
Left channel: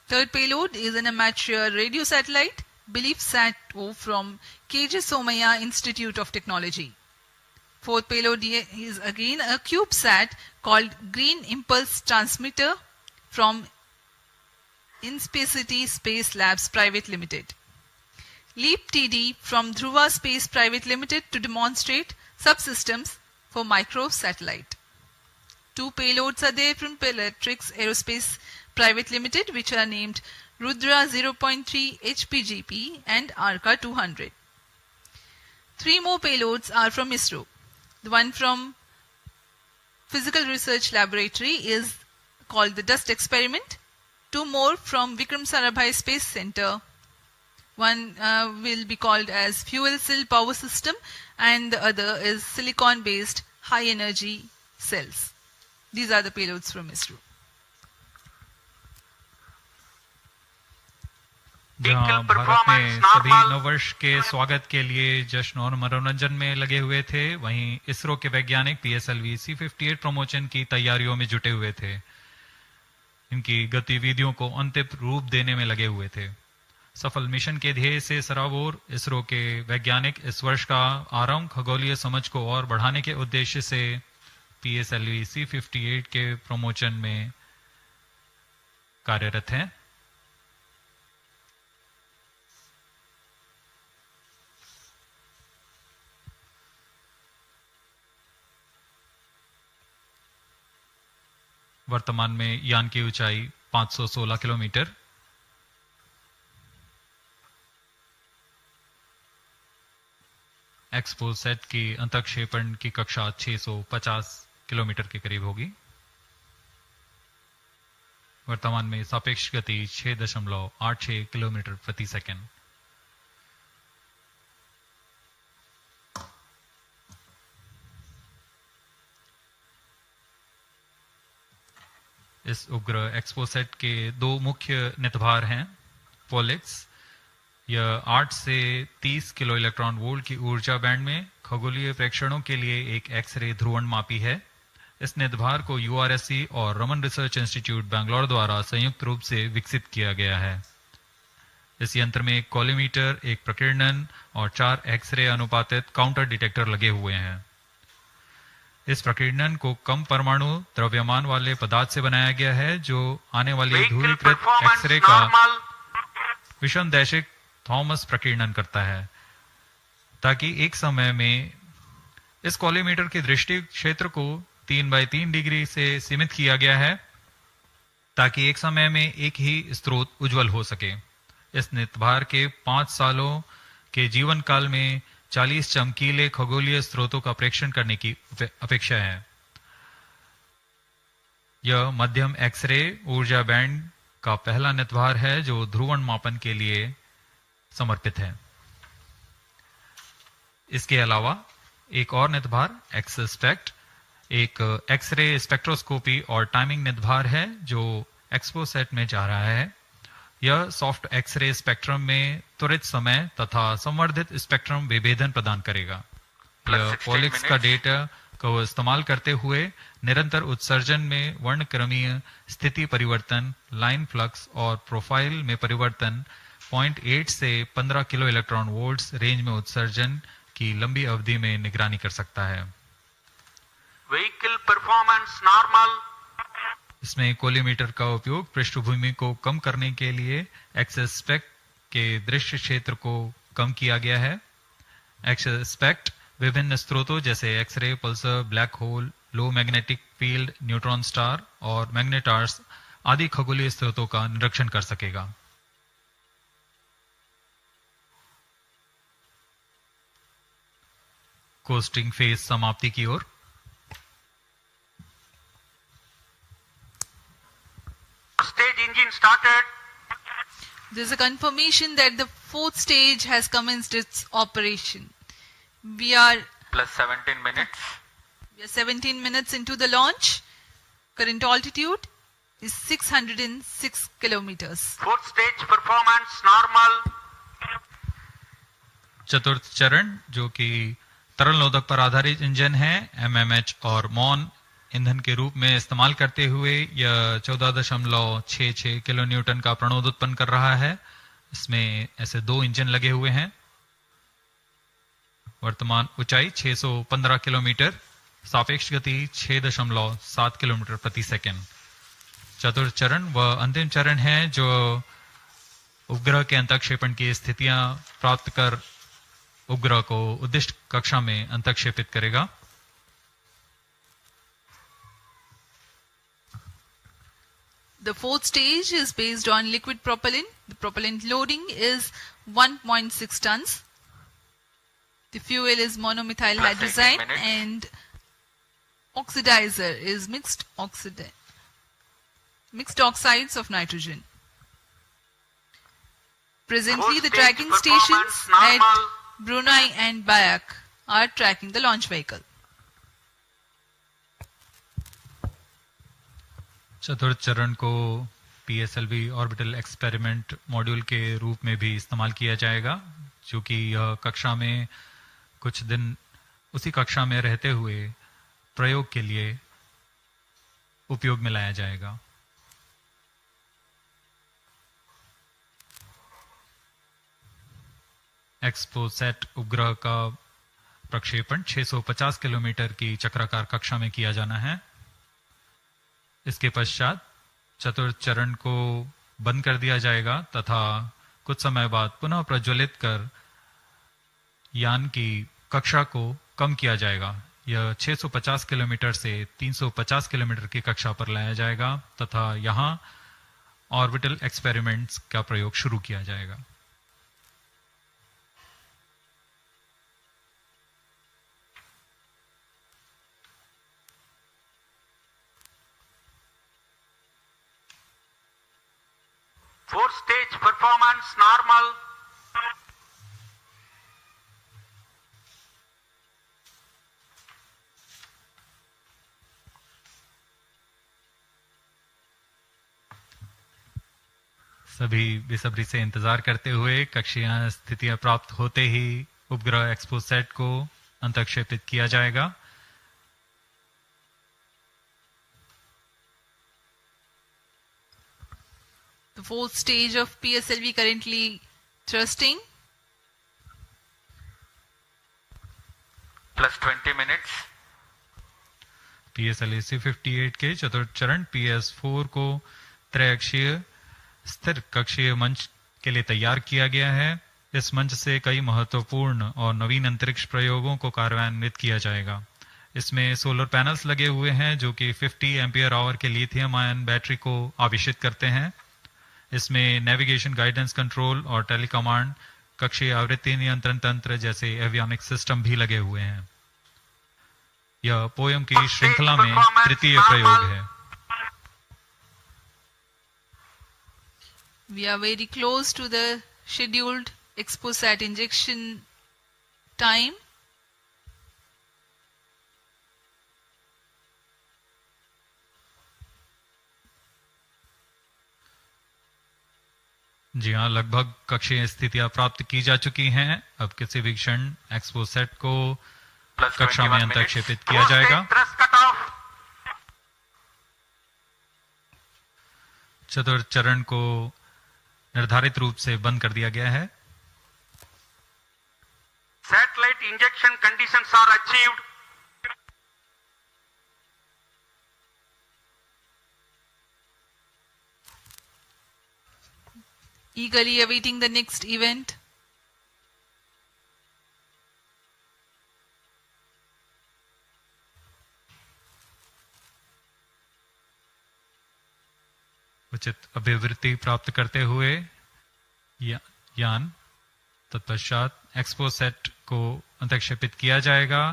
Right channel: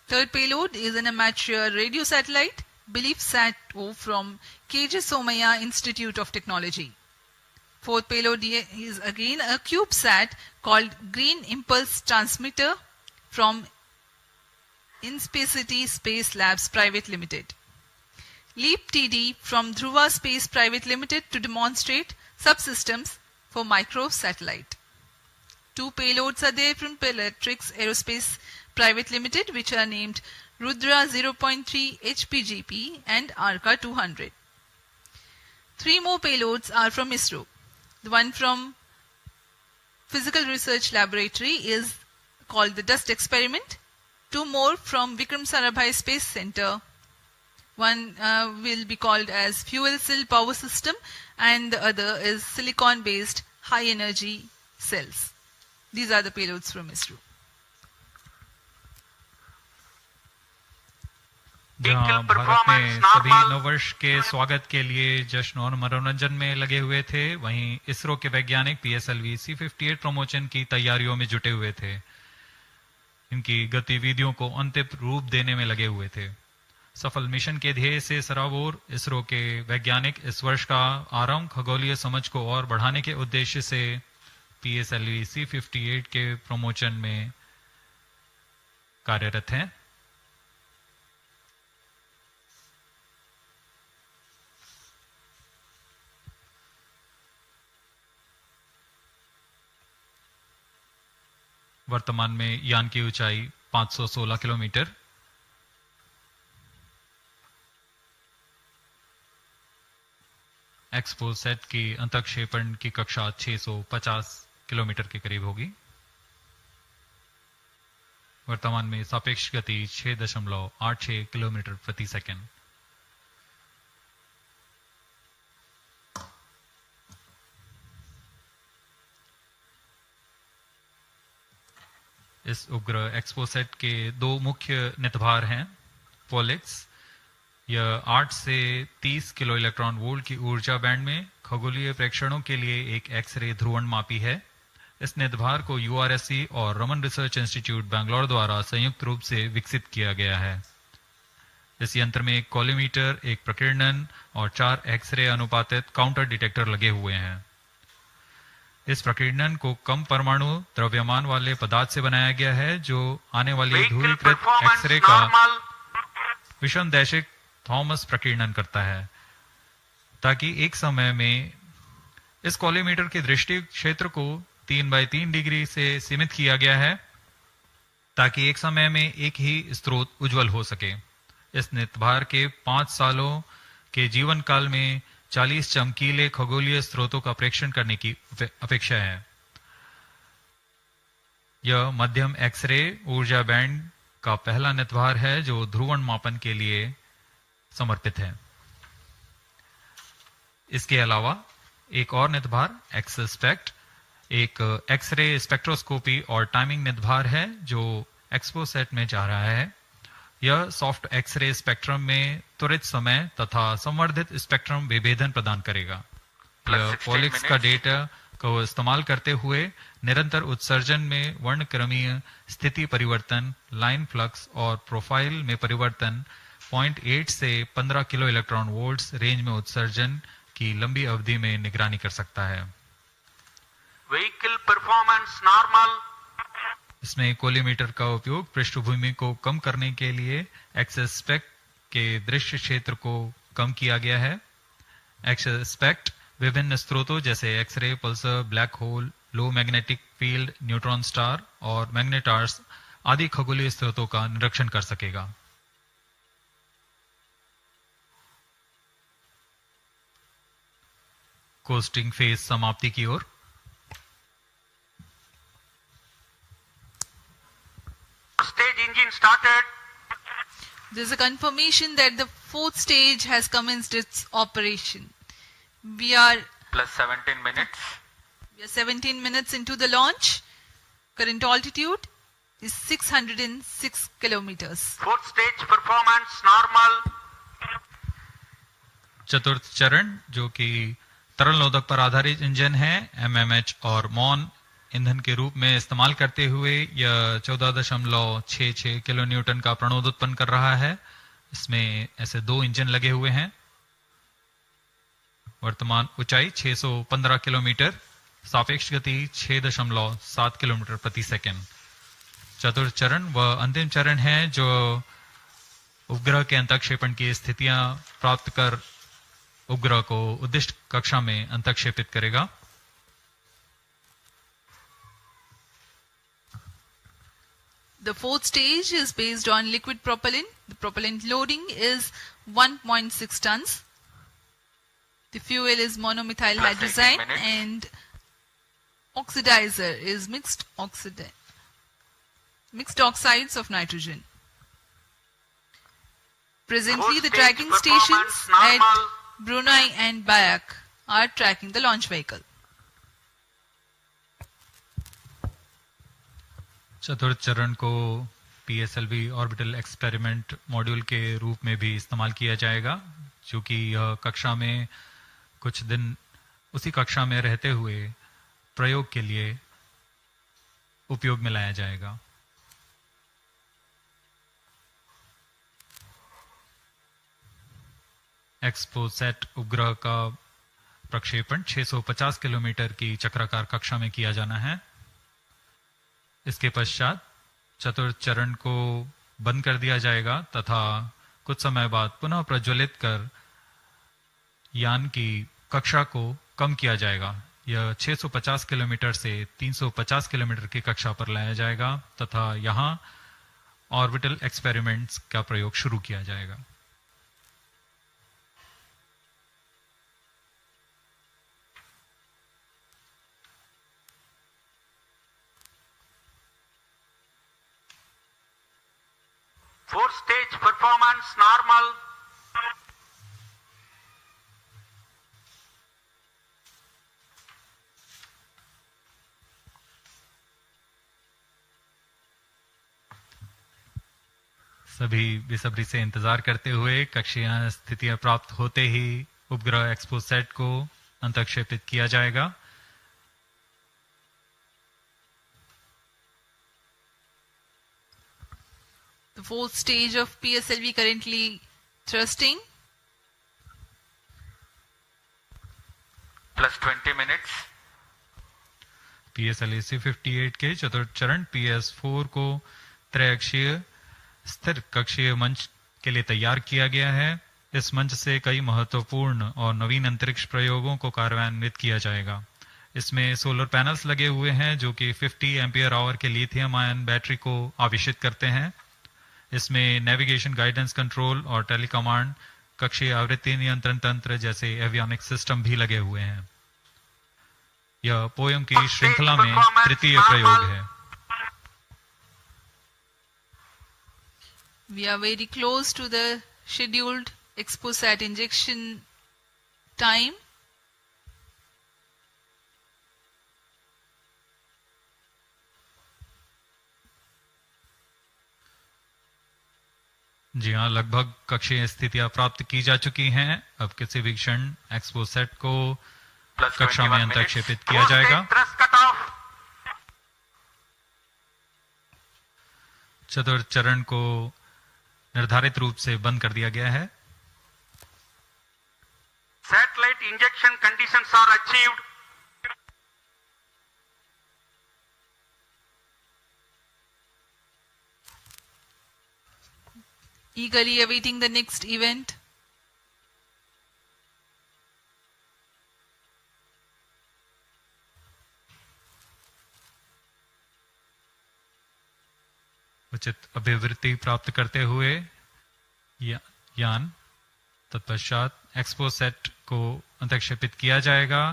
Third payload is an amateur radio satellite, BeliefSat-O from KJ Somaya Institute of Technology. Fourth payload is again a CubeSat called Green Impulse Transmitter from Inspacity Space Labs Private Limited. LEAP TD from Dhruva Space Private Limited to demonstrate subsystems for microsatellite. 2 payloads are there from Peletrix Aerospace Private Limited, which are named Rudra 0.3 HPGP and Arca 200. 3 more payloads are from ISRO. The one from Physical Research Laboratory is called the Dust Experiment. 2 more from Vikram Sarabhai Space Center. One will be called as Fuel Cell Power System and the other is Silicon Based High Energy Cells. These are the payloads from ISRO. जहाँ भारत में सभी नववर्ष के स्वागत के लिए जश्न और मनोरंजन में लगे हुए थे, वहीं इसरो के वैज्ञानिक PSLV-C58 प्रमोशन की तैयारियों में जुटे हुए थे। इनकी गतिविधियों को अंतिम रूप देने में लगे हुए थे। सफल मिशन के ध्येय से सराबोर इसरो के वैज्ञानिक इस वर्ष का आरंभ खगोलीय समझ को और बढ़ाने के उद्देश्य से PSLV-C58 के प्रमोशन में कार्यरत हैं। वर्तमान में यान की ऊंचाई 516 किलोमीटर, एक्सपोसैट की अंतक्षेपण की कक्षा 650 किलोमीटर के करीब होगी। वर्तमान में सापेक्ष गति 6.86 किलोमीटर प्रति सेकंड। इस उपग्रह एक्सपोसैट के 2 मुख्य नितभार हैं। पोलिक्स, यह 8 से 30 किलो इलेक्ट्रॉन वोल्ट की ऊर्जा बैंड में खगोलीय प्रेक्षणों के लिए एक एक्सरे ध्रुवणमापी है। इस नितभार को URSC और रमन रिसर्च इंस्टीट्यूट बैंगलोर द्वारा संयुक्त रूप से विकसित किया गया है। इस यंत्र में एक कॉलीमीटर, एक प्रकीर्णन और 4 एक्सरे अनुपातित काउंटर डिटेक्टर लगे हुए हैं। इस प्रकीर्णन को कम परमाणु द्रव्यमान वाले पदार्थ से बनाया गया है, जो आने वाली ध्रुवीकृत एक्सरे का विषमदैशिक थॉमस प्रकीर्णन करता है, ताकि एक समय में इस कॉलीमीटर के दृष्टि क्षेत्र को 3x3 डिग्री से सीमित किया गया है, ताकि एक समय में एक ही स्रोत उज्जवल हो सके। इस नितभार के 5 सालों के जीवन काल में 40 चमकीले खगोलीय स्रोतों का प्रेक्षण करने की अपेक्षा है। यह मध्यम एक्सरे ऊर्जा बैंड का पहला नितभार है जो ध्रुवण मापन के लिए समर्पित है। इसके अलावा एक और नितभार एक्सस्पेक्ट एक एक्सरे स्पेक्ट्रोस्कोपी और टाइमिंग नितभार है जो एक्सपोसैट में जा रहा है। यह सॉफ्ट एक्सरे स्पेक्ट्रम में त्वरित समय तथा संवर्धित स्पेक्ट्रम विभेदन प्रदान करेगा। यह पॉलिक्स का डेटा को इस्तेमाल करते हुए निरंतर उत्सर्जन में वर्णक्रमीय स्थिति परिवर्तन, लाइन फ्लक्स और प्रोफाइल में परिवर्तन, 0.8 से 15 किलो इलेक्ट्रॉन वोल्ट्स रेंज में उत्सर्जन की लंबी अवधि में निगरानी कर सकता है। Vehicle performance normal. इसमें कोलीमीटर का उपयोग पृष्ठभूमि को कम करने के लिए एक्सस्पेक्ट के दृश्य क्षेत्र को कम किया गया है। एक्सस्पेक्ट विभिन्न स्रोतों जैसे एक्सरे, पल्सर, ब्लैक होल, लो मैग्नेटिक फील्ड, न्यूट्रॉन स्टार और मैग्नेटार्स आदि खगोलीय स्रोतों का निरीक्षण कर सकेगा। कोस्टिंग फेज समाप्ति की ओर। Stage engine started. There's a confirmation that the fourth stage has commenced its operation. We are Plus 17 minutes. 17 minutes into the launch. Current altitude is 606 kilometers. Fourth stage performance normal. चतुर्थ चरण जो कि तरल नोदक पर आधारित engine है, MMH और मॉन ईंधन के रूप में इस्तेमाल करते हुए यह 14.66 किलो न्यूटन का प्रणोद उत्पन्न कर रहा है। इसमें ऐसे दो इंजन लगे हुए हैं। वर्तमान ऊंचाई 615 किलोमीटर, सापेक्ष गति 6.7 किलोमीटर प्रति सेकंड। चतुर्थ चरण वह अंतिम चरण है जो उपग्रह के अंतःक्षेपण की स्थितियां प्राप्त कर उपग्रह को उद्दिष्ट कक्षा में अंतःक्षेपित करेगा। The fourth stage is based on liquid propellant. The propellant loading is 1.6 tons. The fuel is monomethyl hydrazine and oxidizer is mixed oxides of nitrogen. Presently, the tracking stations at Brunei and Bayak are tracking the launch vehicle. चतुर्थ चरण को PSLV orbital experiment module के रूप में भी इस्तेमाल किया जाएगा, जो कि यह कक्षा में कुछ दिन उसी कक्षा में रहते हुए प्रयोग के लिए उपयोग में लाया जाएगा। XPoSat उपग्रह का प्रक्षेपण 650 किलोमीटर की चक्राकार कक्षा में किया जाना है। इसके पश्चात चतुर्थ चरण को बंद कर दिया जाएगा तथा कुछ समय बाद पुनः प्रज्वलित कर यान की कक्षा को कम किया जाएगा। यह 650 किलोमीटर से 350 किलोमीटर की कक्षा पर लाया जाएगा तथा यहां ऑर्बिटल एक्सपेरिमेंट्स का प्रयोग शुरू किया जाएगा। Fourth stage performance normal. सभी बेसब्री से इंतजार करते हुए कक्षीय स्थितियां प्राप्त होते ही उपग्रह एक्सपोसैट को अंतःक्षेपित किया जाएगा। The fourth stage of PSLV currently thrusting. Plus 20 minutes. PSLV-C58 के चतुर्थ चरण PS4 को त्रैअक्षीय स्थिर कक्षीय मंच के लिए तैयार किया गया है। इस मंच से कई महत्वपूर्ण और नवीन अंतरिक्ष प्रयोगों को कार्यान्वित किया जाएगा। इसमें सोलर पैनल्स लगे हुए हैं जो कि 50 एम्पियर आवर के लिथियम आयन बैटरी को आवेशित करते हैं। इसमें नेविगेशन, गाइडेंस, कंट्रोल और टेलीकमांड, कक्षीय आवृत्ति नियंत्रण तंत्र जैसे एवियोनिक सिस्टम भी लगे हुए हैं। यह पोयम की श्रृंखला में तृतीय प्रयोग है। We are very close to the scheduled XPoSat injection time. जी हाँ, लगभग कक्षीय स्थितियां प्राप्त की जा चुकी हैं। अब किसी भी क्षण एक्सपोसैट को कक्षा में अंतःक्षेपित किया जाएगा। चतुर्थ चरण को निर्धारित रूप से बंद कर दिया गया है। Satellite injection conditions are achieved. Eagerly awaiting the next event. उचित अभिवृद्धि प्राप्त करते हुए यान तत्पश्चात एक्सपोसैट को अंतक्षेपित किया जाएगा।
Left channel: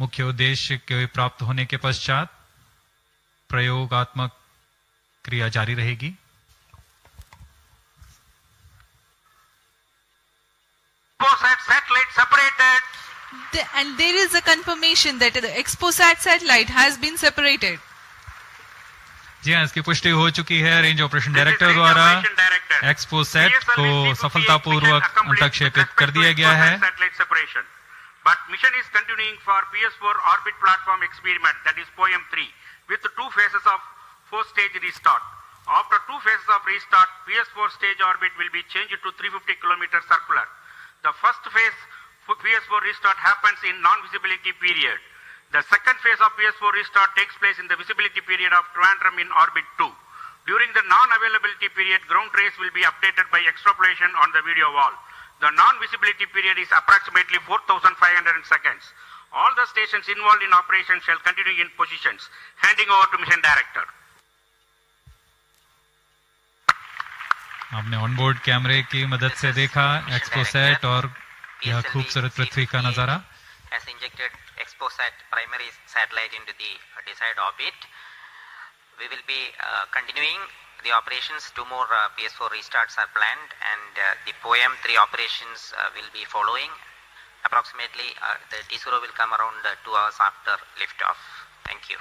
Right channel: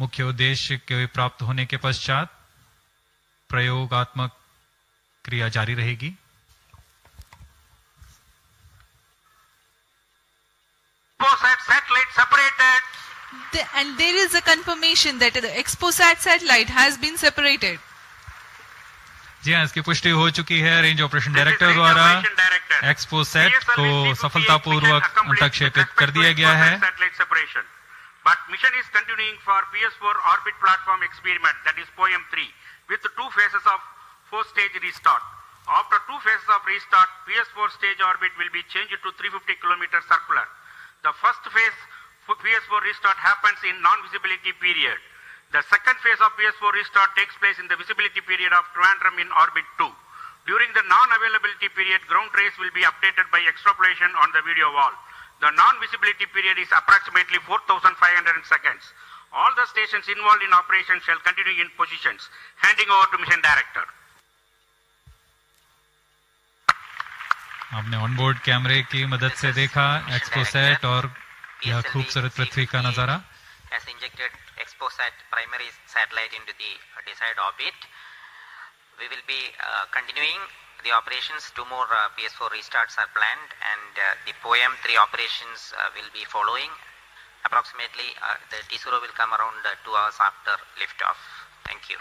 मुख्य उद्देश्य के प्राप्त होने के पश्चात प्रयोगात्मक क्रिया जारी रहेगी। XPoSat satellite separated. And there is a confirmation that the XPoSat satellite has been separated. जी हाँ, इसकी पुष्टि हो चुकी है रेंज ऑपरेशन डायरेक्टर द्वारा। एक्सपोसैट को सफलतापूर्वक अंतक्षेपित कर दिया गया है। But mission is continuing for PS4 orbit platform experiment, that is POEM-3, with 2 phases of 4-stage restart. After 2 phases of restart, PS4 stage orbit will be changed to 350 km circular. The first phase for PS4 restart happens in non-visibility period. The second phase of PS4 restart takes place in the visibility period of Trivandrum in orbit 2. During the non-availability period, ground trace will be updated by extrapolation on the video wall. The non-visibility period is approximately 4,500 seconds. All the stations involved in operation shall continue in positions. Handing over to mission director. आपने onboard कैमरे की मदद से देखा XPoSat और यह खूबसूरत पृथ्वी का नजारा। Has injected XPoSat primary satellite into the desired orbit. We will be continuing the operations. 2 more PS4 restarts are planned, and the POEM-3 operations will be following. Approximately, the T0 will come around 2 hours after liftoff. Thank you.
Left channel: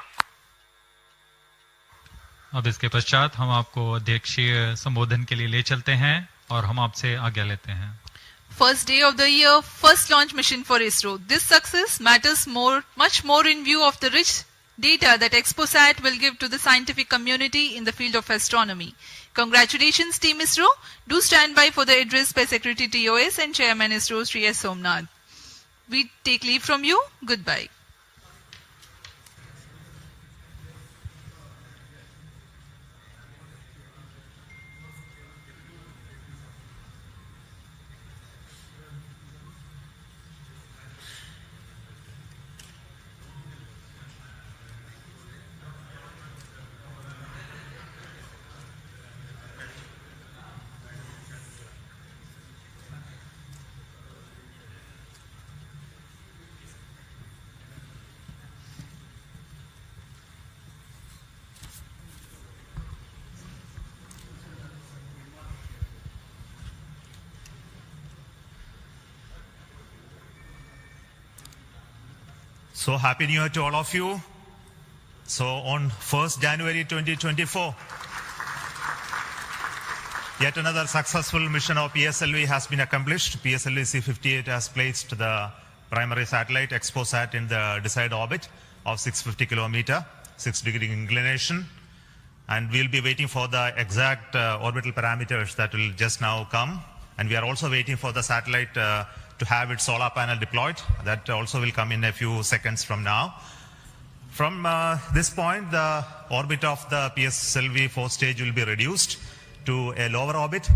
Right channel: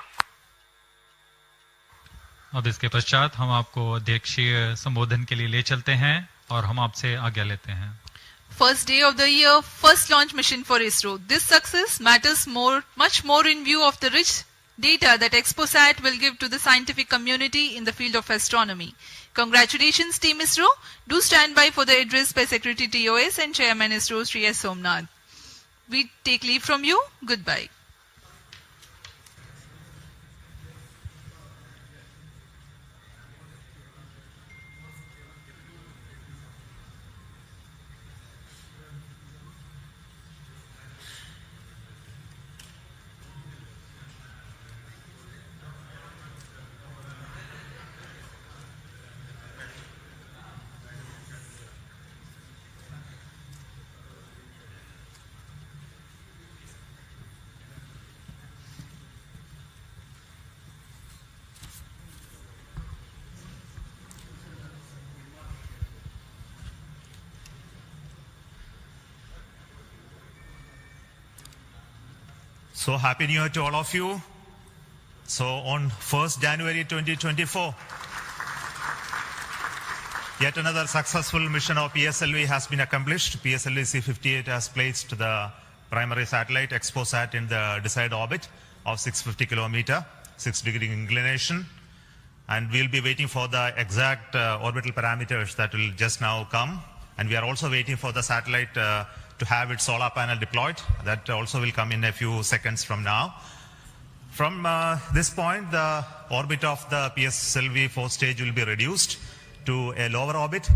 अब इसके पश्चात हम आपको अध्यक्षीय संबोधन के लिए ले चलते हैं और हम आपसे आज्ञा लेते हैं। First day of the year, first launch mission for ISRO. This success matters much more in view of the rich data that XPoSat will give to the scientific community in the field of astronomy. Congratulations, Team ISRO. Do stand by for the address by Secretary TOS and Chairman ISRO, Sri S. Somnath. We take leave from you. Goodbye. So happy New Year to all of you. So on 1st January 2024, yet another successful mission of PSLV has been accomplished. PSLV-C58 has placed the primary satellite XPoSat in the desired orbit of 650 kilometer, 6-degree inclination. And we'll be waiting for the exact orbital parameters that will just now come. And we are also waiting for the satellite to have its solar panel deployed. That also will come in a few seconds from now. From this point, the orbit of the PSLV 4th stage will be reduced to a lower orbit,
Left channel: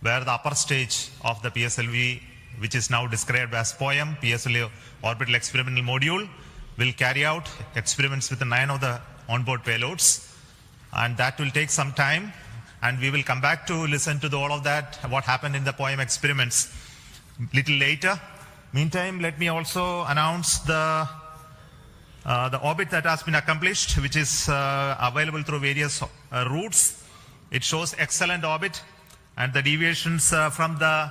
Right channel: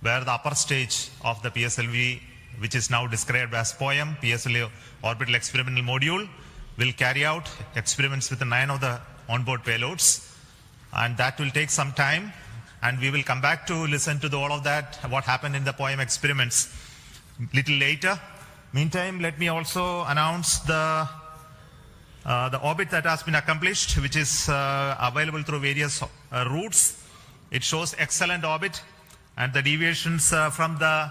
where the upper stage of the PSLV, which is now described as POEM, PSLV Orbital Experimental Module, will carry out experiments with 9 of the onboard payloads. And that will take some time, and we will come back to listen to all of that, what happened in the POEM experiments little later. Meantime, let me also announce the orbit that has been accomplished, which is available through various routes. It shows excellent orbit, and the deviations from the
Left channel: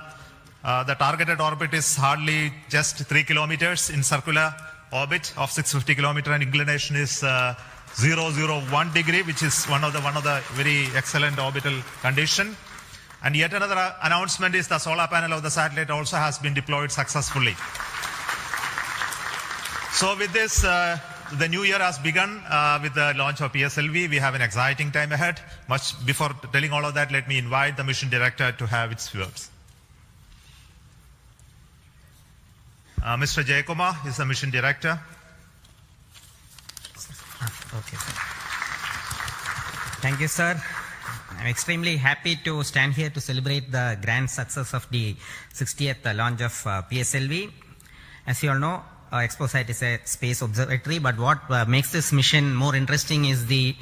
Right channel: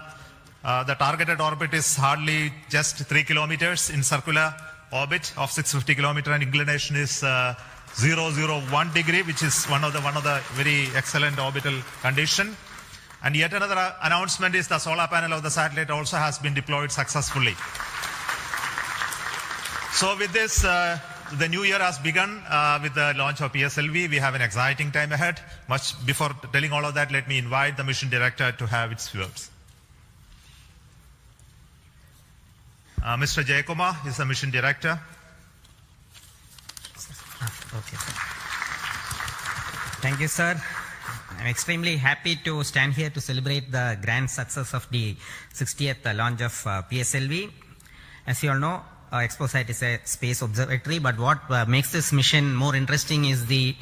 targeted orbit is hardly just 3 kilometers in circular orbit of 650 kilometer, and inclination is 001 degree, which is one of the very excellent orbital condition. And yet another announcement is the solar panel of the satellite also has been deployed successfully. So with this, the new year has begun with the launch of PSLV. We have an exciting time ahead. Much before telling all of that, let me invite the mission director to have its words. Mr. Jayakumar is the mission director. Okay. Thank you, sir. I'm extremely happy to stand here to celebrate the grand success of the 60th launch of PSLV. As you all know, XPoSat is a space observatory, but what makes this mission more interesting is the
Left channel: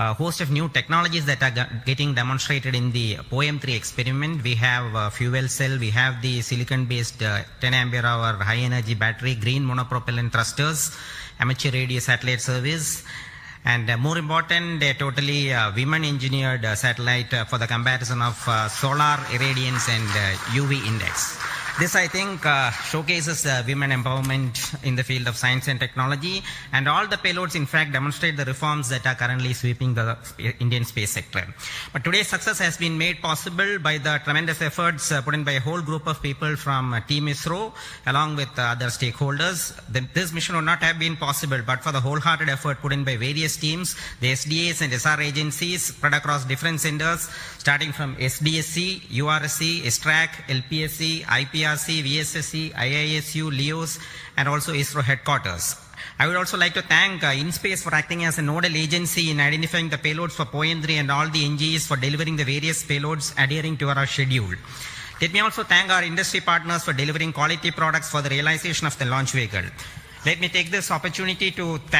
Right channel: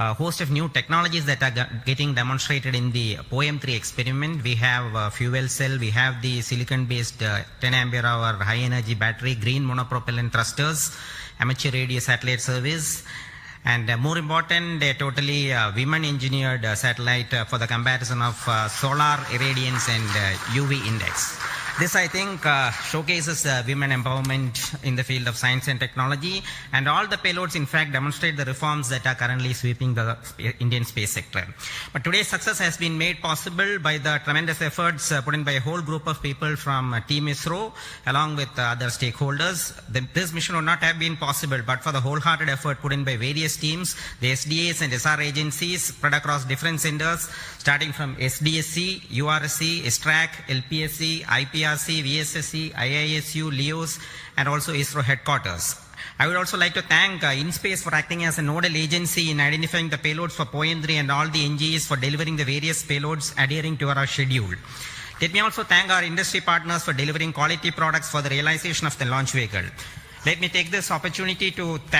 a host of new technologies that are getting demonstrated in the POEM-3 experiment. We have fuel cell, we have the silicon-based 10 ampere hour high energy battery, green monopropellant thrusters, amateur radio satellite service, and more important, a totally women engineered satellite for the comparison of solar irradiance and UV index. This, I think, showcases women empowerment in the field of science and technology, and all the payloads, in fact, demonstrate the reforms that are currently sweeping the Indian space sector. But today's success has been made possible by the tremendous efforts put in by a whole group of people from Team ISRO, along with other stakeholders. This mission would not have been possible but for the wholehearted effort put in by various teams, the SDS and SR agencies spread across different centers, starting from SDSC, URSC, STRAC, LPSC, IPRC, VSSC, IISU, LEOS, and also ISRO headquarters. I would also like to thank InSpace for acting as a nodal agency in identifying the payloads for POEM-3 and all the NGEs for delivering the various payloads adhering to our schedule. Let me also thank our industry partners for delivering quality products for the realization of the launch vehicle. Let me take this opportunity to thank